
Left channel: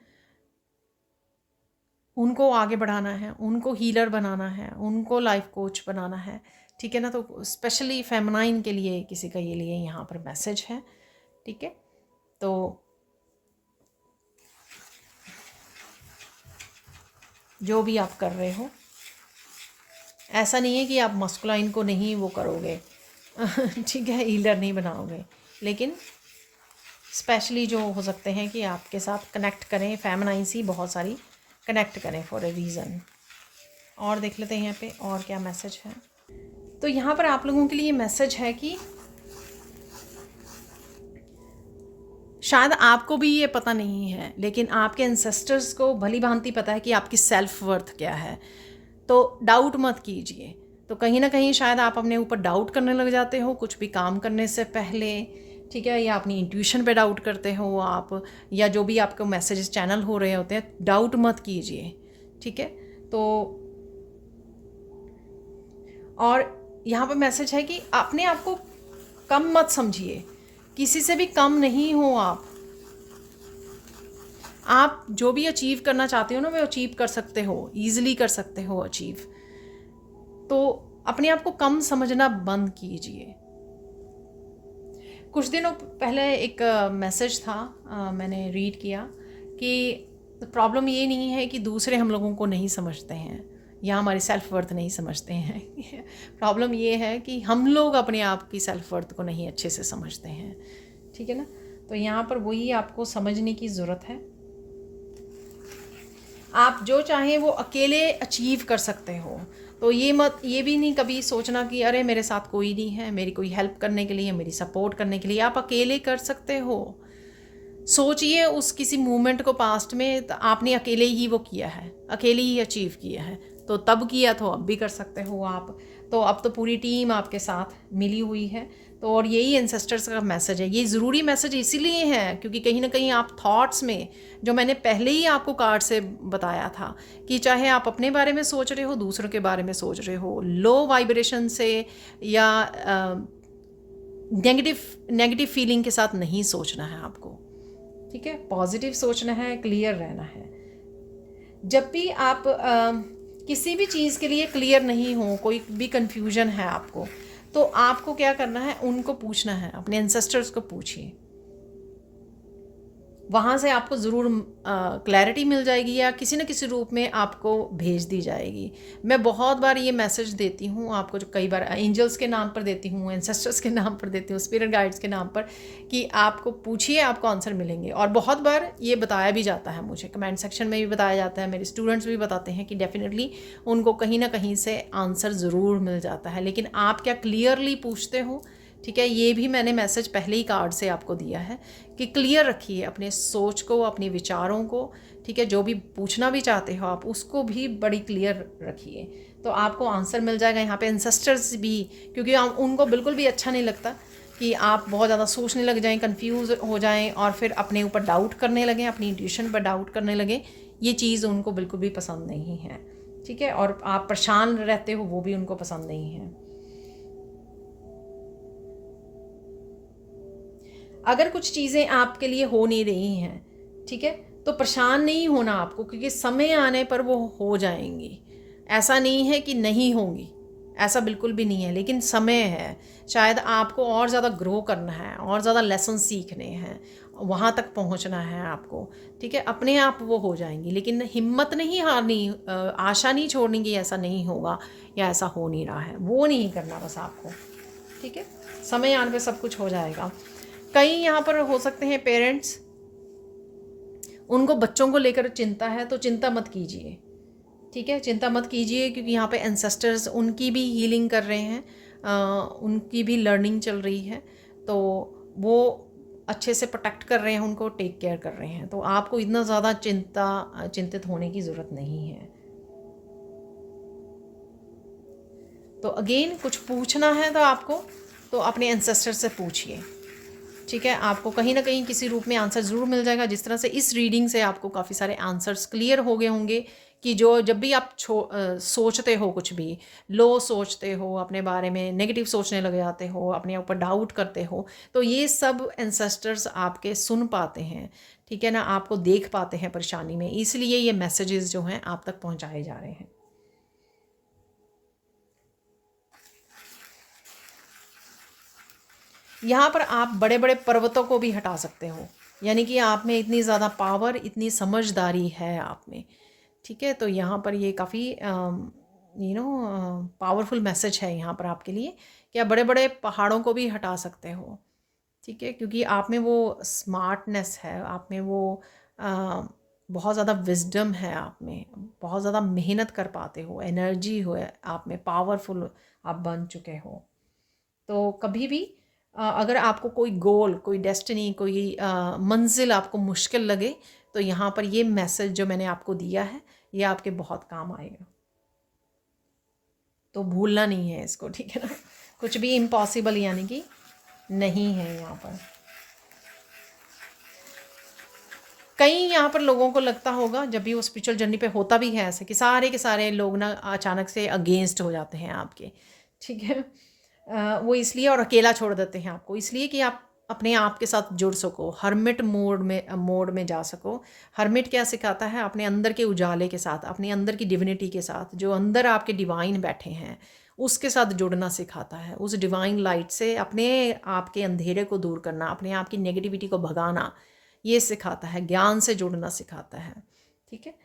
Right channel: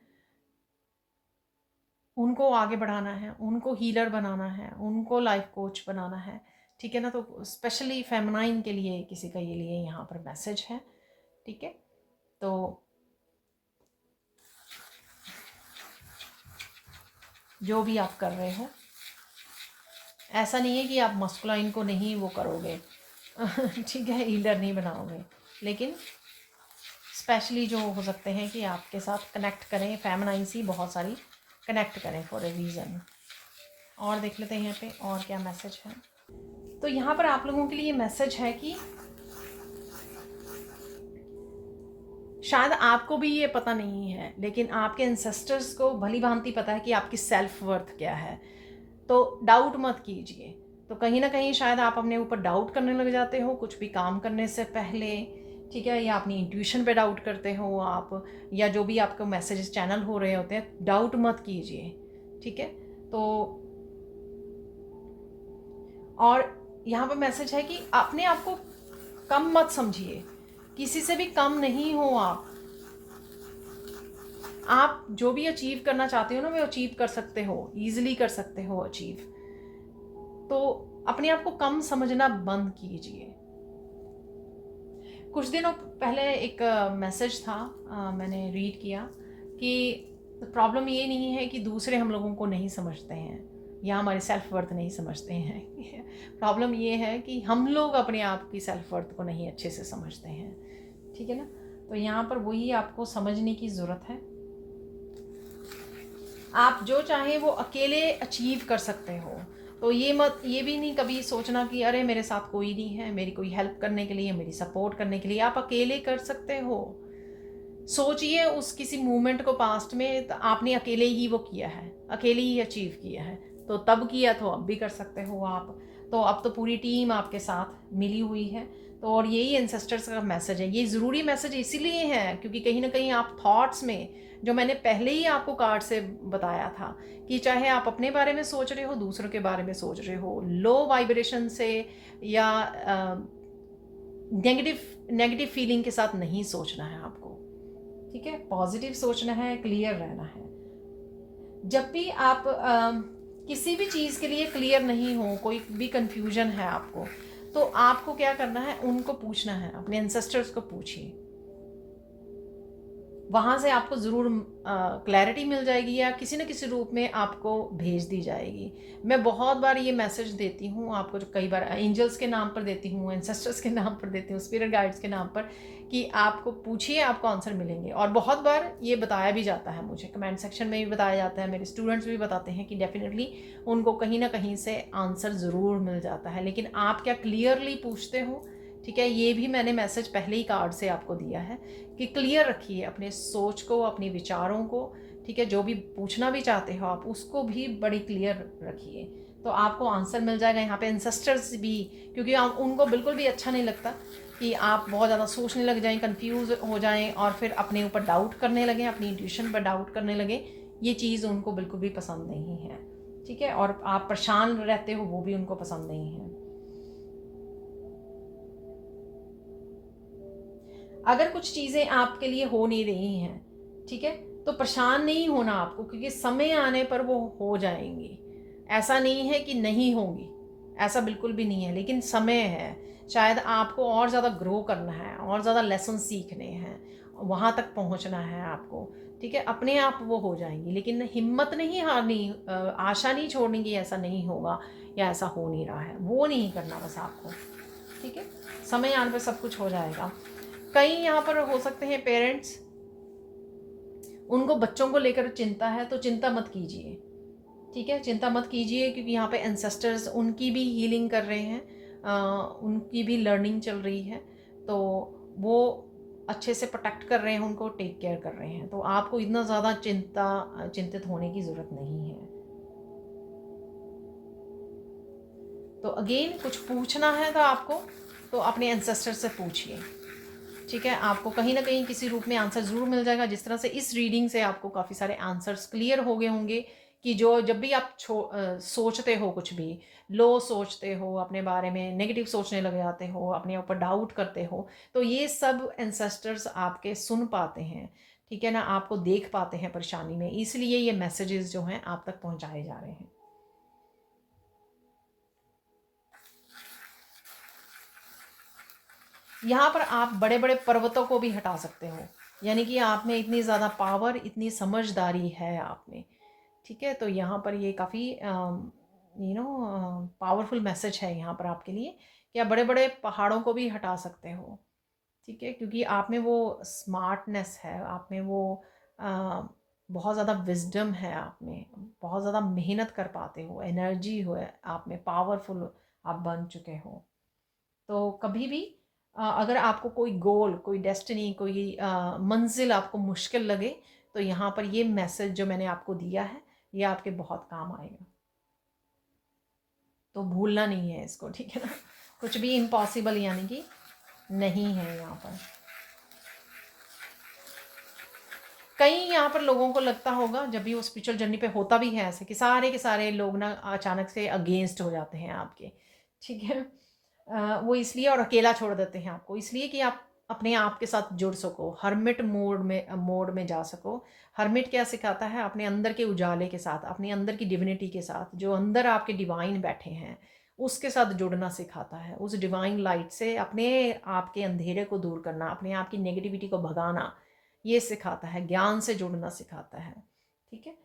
उनको आगे बढ़ाना है, उनको हीलर बनाना है, उनको लाइफ कोच बनाना है, ठीक है ना। तो स्पेशली फेमिनाइन के लिए किसी का ये लिए यहाँ पर मैसेज है, ठीक है। तो जो भी आप कर रहे हो, ऐसा नहीं है कि आप मस्कुलाइन को नहीं वो करोगे ठीक है, हीलर नहीं बनाओगे, लेकिन स्पेशली जो हो सकते हैं कि आपके साथ कनेक्ट करें, फेमिनाइन ही बहुत सारी कनेक्ट करें फॉर ए रीज़न। और देख लेते हैं यहाँ पे और क्या मैसेज है। तो यहाँ पर आप लोगों के लिए मैसेज है कि शायद आपको भी ये पता नहीं है, लेकिन आपके एंसेस्टर्स को भली भांति पता है कि आपकी सेल्फ वर्थ क्या है। तो डाउट मत कीजिए। तो कहीं ना कहीं शायद आप अपने ऊपर डाउट करने लग जाते हो कुछ भी काम करने से पहले, ठीक है, या अपनी इंट्यूशन पे डाउट करते हो आप, या जो भी आपको मैसेजेस चैनल हो रहे होते हैं, डाउट मत कीजिए, ठीक है। तो और यहाँ पे मैसेज है कि अपने आप को कम मत समझिए, किसी से भी कम नहीं हो आप जो भी अचीव करना चाहते हो ना वो अचीव कर सकते हो, ईजिली कर सकते हो अचीव। तो अपने आप को कम समझना बंद कीजिए। कुछ दिनों पहले एक मैसेज था, मैंने रीड किया कि प्रॉब्लम ये नहीं है कि दूसरे हम लोगों को नहीं समझते हैं या हमारे सेल्फ वर्थ नहीं समझते हैं प्रॉब्लम ये है कि हम लोग अपने आप की सेल्फ वर्थ को नहीं अच्छे से समझते हैं, ठीक है ना। तो यहाँ पर वही आपको समझने की ज़रूरत है। आप जो चाहें वो अकेले अचीव कर सकते हो। तो ये भी नहीं कभी सोचना कि अरे मेरे साथ कोई नहीं है, मेरी कोई हेल्प करने के लिए, मेरी सपोर्ट करने के लिए। आप अकेले कर सकते हो। सोचिए उस किसी मूवमेंट को पास्ट में, तो आपने अकेले ही वो किया है, अकेले ही अचीव किया है। तो तब किया तो अब भी कर सकते हो आप। तो अब तो पूरी टीम आपके साथ मिली हुई है। तो और यही एंसेस्टर्स का मैसेज है। ये ज़रूरी मैसेज इसीलिए है क्योंकि कहीं ना कहीं आप थॉट्स में, जो मैंने पहले ही आपको कार्ड से बताया था कि चाहे आप अपने बारे में सोच रहे हो, दूसरों के बारे में सोच रहे हो, लो वाइब्रेशन से या नेगेटिव फीलिंग के साथ नहीं सोचना है आपको, ठीक है। पॉजिटिव सोचना है, क्लियर रहना है। जब भी आप किसी भी चीज़ के लिए क्लियर नहीं हो, कोई भी कंफ्यूजन है आपको, तो आपको क्या करना है, उनको पूछना है, अपने एंसेस्टर्स को पूछिए। वहाँ से आपको ज़रूर क्लैरिटी मिल जाएगी या किसी न किसी रूप में आपको भेज दी जाएगी। मैं बहुत बार ये मैसेज देती हूँ आपको, जो कई बार एंजल्स के नाम पर देती हूँ, एंसेस्टर्स के नाम पर देती हूँ, स्पिरिट गाइड्स के नाम पर, कि आपको पूछिए, आपको आंसर मिलेंगे। और बहुत बार ये बताया भी जाता है, मुझे कमेंट सेक्शन में भी बताया जाता है, मेरे स्टूडेंट्स भी बताते हैं कि डेफिनेटली उनको कहीं ना कहीं से आंसर ज़रूर मिल जाता है। लेकिन आप क्या क्लियरली पूछते हो, ठीक है। ये भी मैंने मैसेज पहले ही कार्ड से आपको दिया है कि क्लियर रखिए अपने सोच को, अपने विचारों को, ठीक है। जो भी पूछना भी चाहते हो आप, उसको भी बड़ी क्लियर रखिए, तो आपको आंसर मिल जाएगा। यहाँ पे एंसेस्टर्स भी, क्योंकि उनको बिल्कुल भी अच्छा नहीं लगता कि आप बहुत ज़्यादा सोचने लग जाएं, कंफ्यूज हो जाएं और फिर अपने ऊपर डाउट करने लगें, अपनी इंट्यूशन पर डाउट करने लगें। ये चीज़ उनको बिल्कुल भी पसंद नहीं है, ठीक है। और आप परेशान रहते हो, वो भी उनको पसंद नहीं है। अगर कुछ चीज़ें आपके लिए हो नहीं रही हैं, ठीक है, तो परेशान नहीं होना आपको, क्योंकि समय आने पर वो हो जाएंगी। ऐसा नहीं है कि नहीं होंगी, ऐसा बिल्कुल भी नहीं है, लेकिन समय है। शायद आपको और ज़्यादा ग्रो करना है, और ज़्यादा लेसन सीखने हैं, वहाँ तक पहुँचना है आपको, ठीक है। अपने आप वो हो जाएंगी, लेकिन हिम्मत नहीं हारनी, आशा नहीं छोड़नी कि ऐसा नहीं होगा या ऐसा हो नहीं रहा है, वो नहीं करना बस आपको, ठीक है। समय आने पर सब कुछ हो जाएगा। कई यहाँ पर हो सकते हैं पेरेंट्स, उनको बच्चों को लेकर चिंता है, तो चिंता मत कीजिए, ठीक है। चिंता मत कीजिए, क्योंकि यहाँ पे एंसेस्टर्स उनकी भी हीलिंग कर रहे हैं, उनकी भी लर्निंग चल रही है, तो वो अच्छे से प्रोटेक्ट कर रहे हैं, उनको टेक केयर कर रहे हैं। तो आपको इतना ज़्यादा चिंतित होने की ज़रूरत नहीं है। तो अगेन कुछ पूछना है तो आपको, तो अपने एंसेस्टर से पूछिए, ठीक है। आपको कहीं ना कहीं किसी रूप में आंसर ज़रूर मिल जाएगा। जिस तरह से इस रीडिंग से आपको काफ़ी सारे आंसर्स क्लियर हो गए होंगे कि जब भी आप सोचते हो, कुछ भी लो सोचते हो, अपने बारे में नेगेटिव सोचने लग जाते हो, अपने ऊपर डाउट करते हो, तो ये सब एंसेस्टर्स आपके सुन पाते हैं, ठीक है ना, आपको देख पाते हैं परेशानी में, इसलिए ये मैसेजेस जो हैं आप तक पहुँचाए जा रहे हैं। यहाँ पर आप बड़े बड़े पर्वतों को भी हटा सकते हो, यानी कि आप में इतनी ज़्यादा पावर, इतनी समझदारी है आप में, ठीक है। तो यहाँ पर ये काफ़ी पावरफुल मैसेज है यहाँ पर आपके लिए कि आप बड़े बड़े पहाड़ों को भी हटा सकते हो, ठीक है। क्योंकि आप में वो स्मार्टनेस है, आप में वो बहुत ज़्यादा विजडम है, आप में बहुत ज़्यादा मेहनत कर पाते हो, एनर्जी हो आप में, पावरफुल आप बन चुके हो। तो कभी भी अगर आपको कोई गोल, कोई डेस्टिनी, कोई मंजिल आपको मुश्किल लगे, तो यहाँ पर ये मैसेज जो मैंने आपको दिया है, ये आपके बहुत काम आएगा। तो भूलना नहीं है इसको, ठीक है ना। कुछ भी इम्पॉसिबल यानी कि नहीं है यहाँ पर। कई यहाँ पर लोगों को लगता होगा, जब भी वो स्पिरिचुअल जर्नी पे होता भी है ऐसे, कि सारे के सारे लोग ना अचानक से अगेंस्ट हो जाते हैं आपके, ठीक है। वो इसलिए, और अकेला छोड़ देते हैं आपको इसलिए कि आप अपने आप के साथ जुड़ सको, हर्मिट मोड में जा सको। हर्मिट क्या सिखाता है? अपने अंदर के उजाले के साथ, अपने अंदर की डिविनिटी के साथ, जो अंदर आपके डिवाइन बैठे हैं उसके साथ जुड़ना सिखाता है। उस डिवाइन लाइट से अपने आप के अंधेरे को दूर करना, अपने आप की नेगेटिविटी को भगाना, ये सिखाता है। ज्ञान से जुड़ना सिखाता है। ठीक है।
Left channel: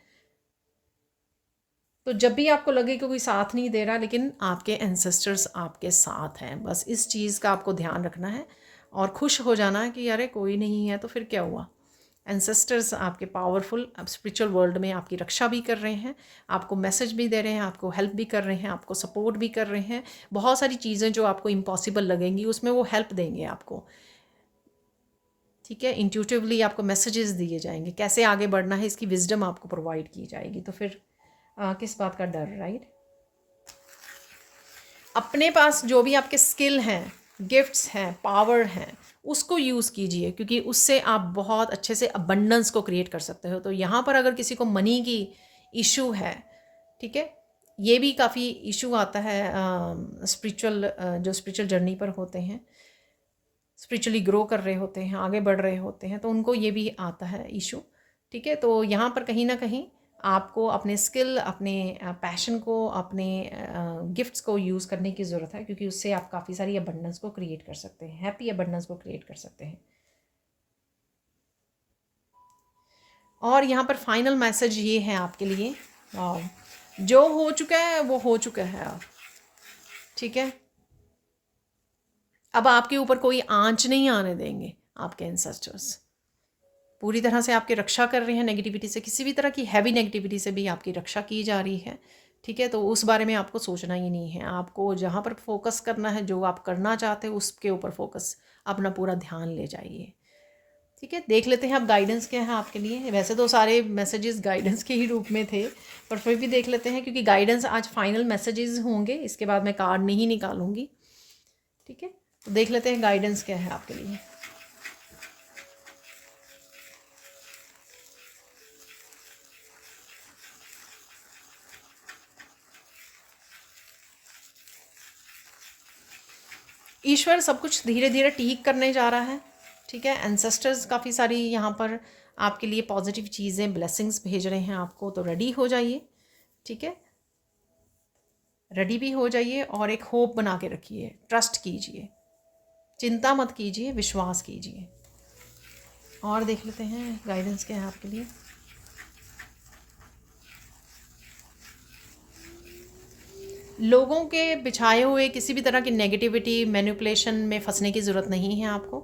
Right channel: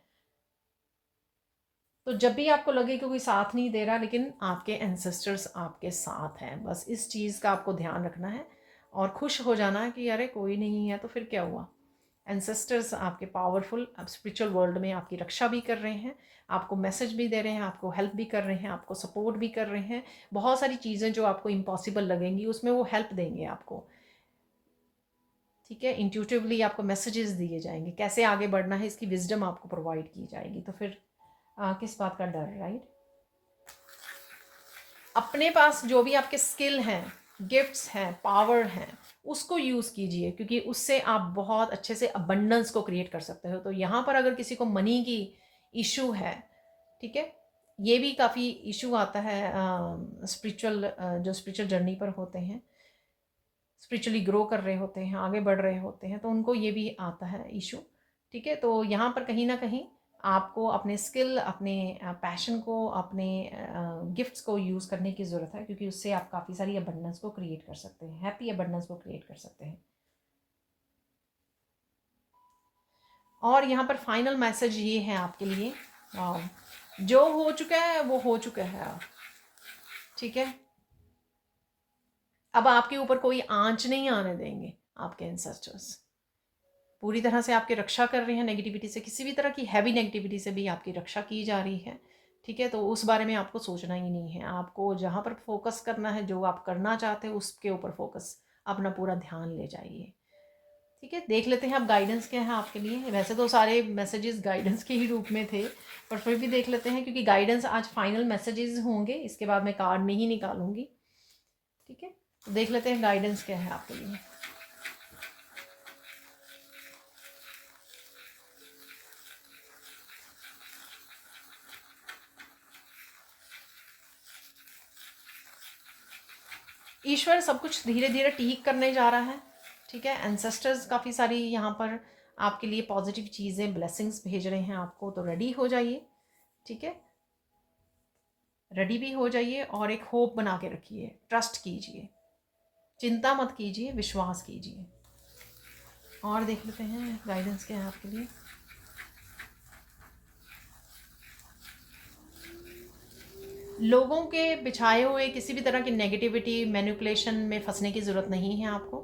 तो जब भी आपको लगे कि कोई साथ नहीं दे रहा, लेकिन आपके एंसेस्टर्स आपके साथ हैं, बस इस चीज़ का आपको ध्यान रखना है और खुश हो जाना है कि अरे कोई नहीं है तो फिर क्या हुआ। एंसेस्टर्स आपके पावरफुल, आप स्पिरिचुअल वर्ल्ड में आपकी रक्षा भी कर रहे हैं, आपको मैसेज भी दे रहे हैं, आपको हेल्प भी कर रहे हैं, आपको सपोर्ट भी कर रहे हैं। बहुत सारी चीज़ें जो आपको इम्पॉसिबल लगेंगी उसमें वो हेल्प देंगे आपको। ठीक है। इंट्यूटिवली आपको मैसेजेस दिए जाएंगे, कैसे आगे बढ़ना है इसकी विजडम आपको प्रोवाइड की जाएगी। तो फिर किस बात का डर, राइट। अपने पास जो भी आपके स्किल हैं, गिफ्ट्स हैं, पावर हैं, उसको यूज़ कीजिए, क्योंकि उससे आप बहुत अच्छे से अबंडेंस को क्रिएट कर सकते हो। तो यहाँ पर अगर किसी को मनी की इशू है, ठीक है, ये भी काफ़ी इशू आता है स्पिरिचुअल, जो स्पिरिचुअल जर्नी पर होते हैं, स्पिरिचुअली ग्रो कर रहे होते हैं, आगे बढ़ रहे होते हैं, तो उनको ये भी आता है इशू। ठीक है। तो यहाँ पर कहीं ना कहीं आपको अपने स्किल, अपने पैशन को, अपने गिफ्ट्स को यूज़ करने की ज़रूरत है, क्योंकि उससे आप काफ़ी सारी अबंडेंस को क्रिएट कर सकते हैं, हैप्पी अबंडेंस को क्रिएट कर सकते हैं। और यहाँ पर फाइनल मैसेज ये है आपके लिए, और जो हो चुका है वो हो चुका है अब। ठीक है। अब आपके ऊपर कोई आंच नहीं आने देंगे आपके एंसेस्टर्स। पूरी तरह से आपकी रक्षा कर रहे हैं नेगेटिविटी से, किसी भी तरह की हैवी नेगेटिविटी से भी आपकी रक्षा की जा रही है। ठीक है। तो उस बारे में आपको सोचना ही नहीं है, आपको जहाँ पर फोकस करना है, जो आप करना चाहते हैं उसके ऊपर फोकस, अपना पूरा ध्यान ले जाइए। ठीक है। देख लेते हैं अब गाइडेंस क्या है आपके लिए। वैसे तो सारे मैसेजेस गाइडेंस के ही रूप में थे, पर फिर भी देख लेते हैं, क्योंकि गाइडेंस आज फाइनल मैसेजेस होंगे, इसके बाद मैं कार्ड नहीं निकालूंगी। ठीक है। तो देख लेते हैं गाइडेंस क्या है आपके लिए। ईश्वर सब कुछ धीरे धीरे ठीक करने जा रहा है। ठीक है। एंसेस्टर्स काफ़ी सारी यहाँ पर आपके लिए पॉजिटिव चीज़ें, ब्लेसिंग्स भेज रहे हैं आपको, तो रेडी हो जाइए। ठीक है। रेडी भी हो जाइए और एक होप बना के रखिए, ट्रस्ट कीजिए, चिंता मत कीजिए, विश्वास कीजिए। और देख लेते हैं गाइडेंस क्या है आपके लिए। लोगों के बिछाए हुए किसी भी तरह की नेगेटिविटी, मैनिपुलेशन में फंसने की ज़रूरत नहीं है आपको।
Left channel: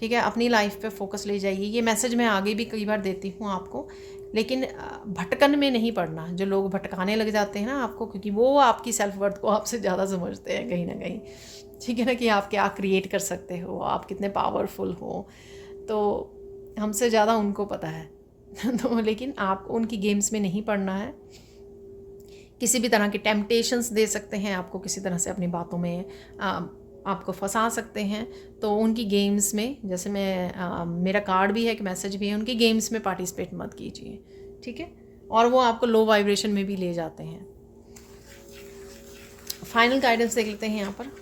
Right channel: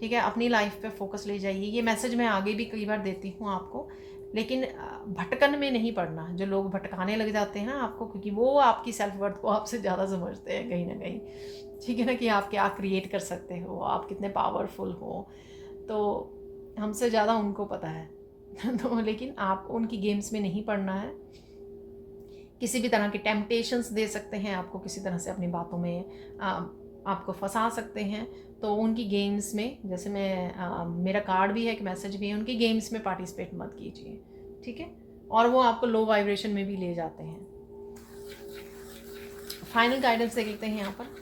ठीक है। अपनी लाइफ पे फोकस ले जाइए। ये मैसेज मैं आगे भी कई बार देती हूँ आपको, लेकिन भटकन में नहीं पड़ना। जो लोग भटकाने लग जाते हैं ना आपको, क्योंकि वो आपकी सेल्फ वर्थ को आपसे ज़्यादा समझते हैं कहीं ना कहीं। ठीक है ना, कि आप क्या क्रिएट कर सकते हो, आप कितने पावरफुल हो, तो हमसे ज़्यादा उनको पता है। तो लेकिन आप उनकी गेम्स में नहीं पड़ना है। किसी भी तरह के टेम्पटेशंस दे सकते हैं आपको, किसी तरह से अपनी बातों में आपको फंसा सकते हैं। तो उनकी गेम्स में, जैसे मेरा कार्ड भी है, एक मैसेज भी है, उनकी गेम्स में पार्टिसिपेट मत कीजिए। ठीक है। और वो आपको लो वाइब्रेशन में भी ले जाते हैं। फाइनल गाइडेंस देख लेते हैं यहाँ पर।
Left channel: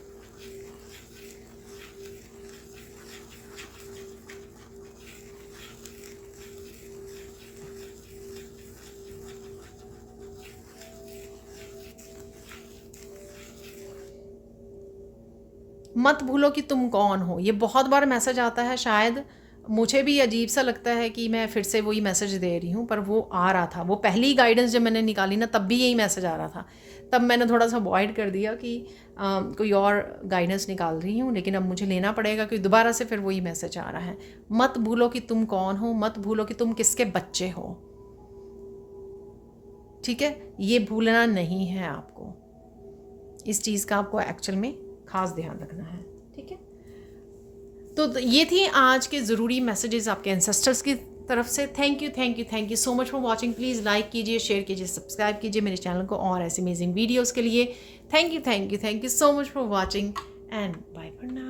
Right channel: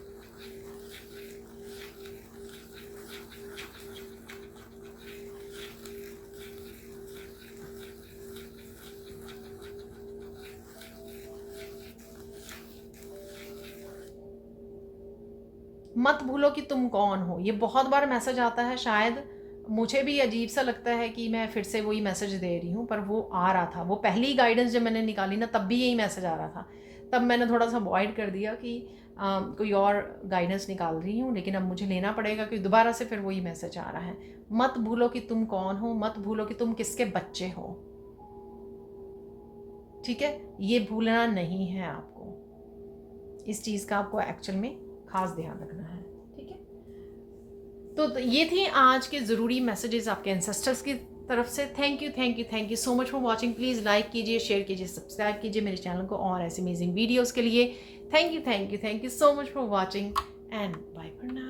मत भूलो कि तुम कौन हो। ये बहुत बार मैसेज आता है, शायद मुझे भी अजीब सा लगता है कि मैं फिर से वही मैसेज दे रही हूँ, पर वो आ रहा था। वो पहली गाइडेंस जब मैंने निकाली ना, तब भी यही मैसेज आ रहा था। तब मैंने थोड़ा सा अवॉइड कर दिया कि कोई और गाइडेंस निकाल रही हूँ, लेकिन अब मुझे लेना पड़ेगा क्योंकि दोबारा से फिर वही मैसेज आ रहा है। मत भूलो कि तुम कौन हो, मत भूलो कि तुम किसके बच्चे हो। ठीक है। ये भूलना नहीं है आपको, इस चीज़ का आपको एक्चुअल में खास ध्यान रखना है। ठीक है। तो ये थी आज के ज़रूरी मैसेजेस आपके एंसेस्टर्स की तरफ से। Thank you so much for watching. Please like कीजिए, शेयर कीजिए, सब्सक्राइब कीजिए मेरे चैनल को और ऐसे अमेजिंग वीडियोज़ के लिए। Thank you so much for watching and bye for now.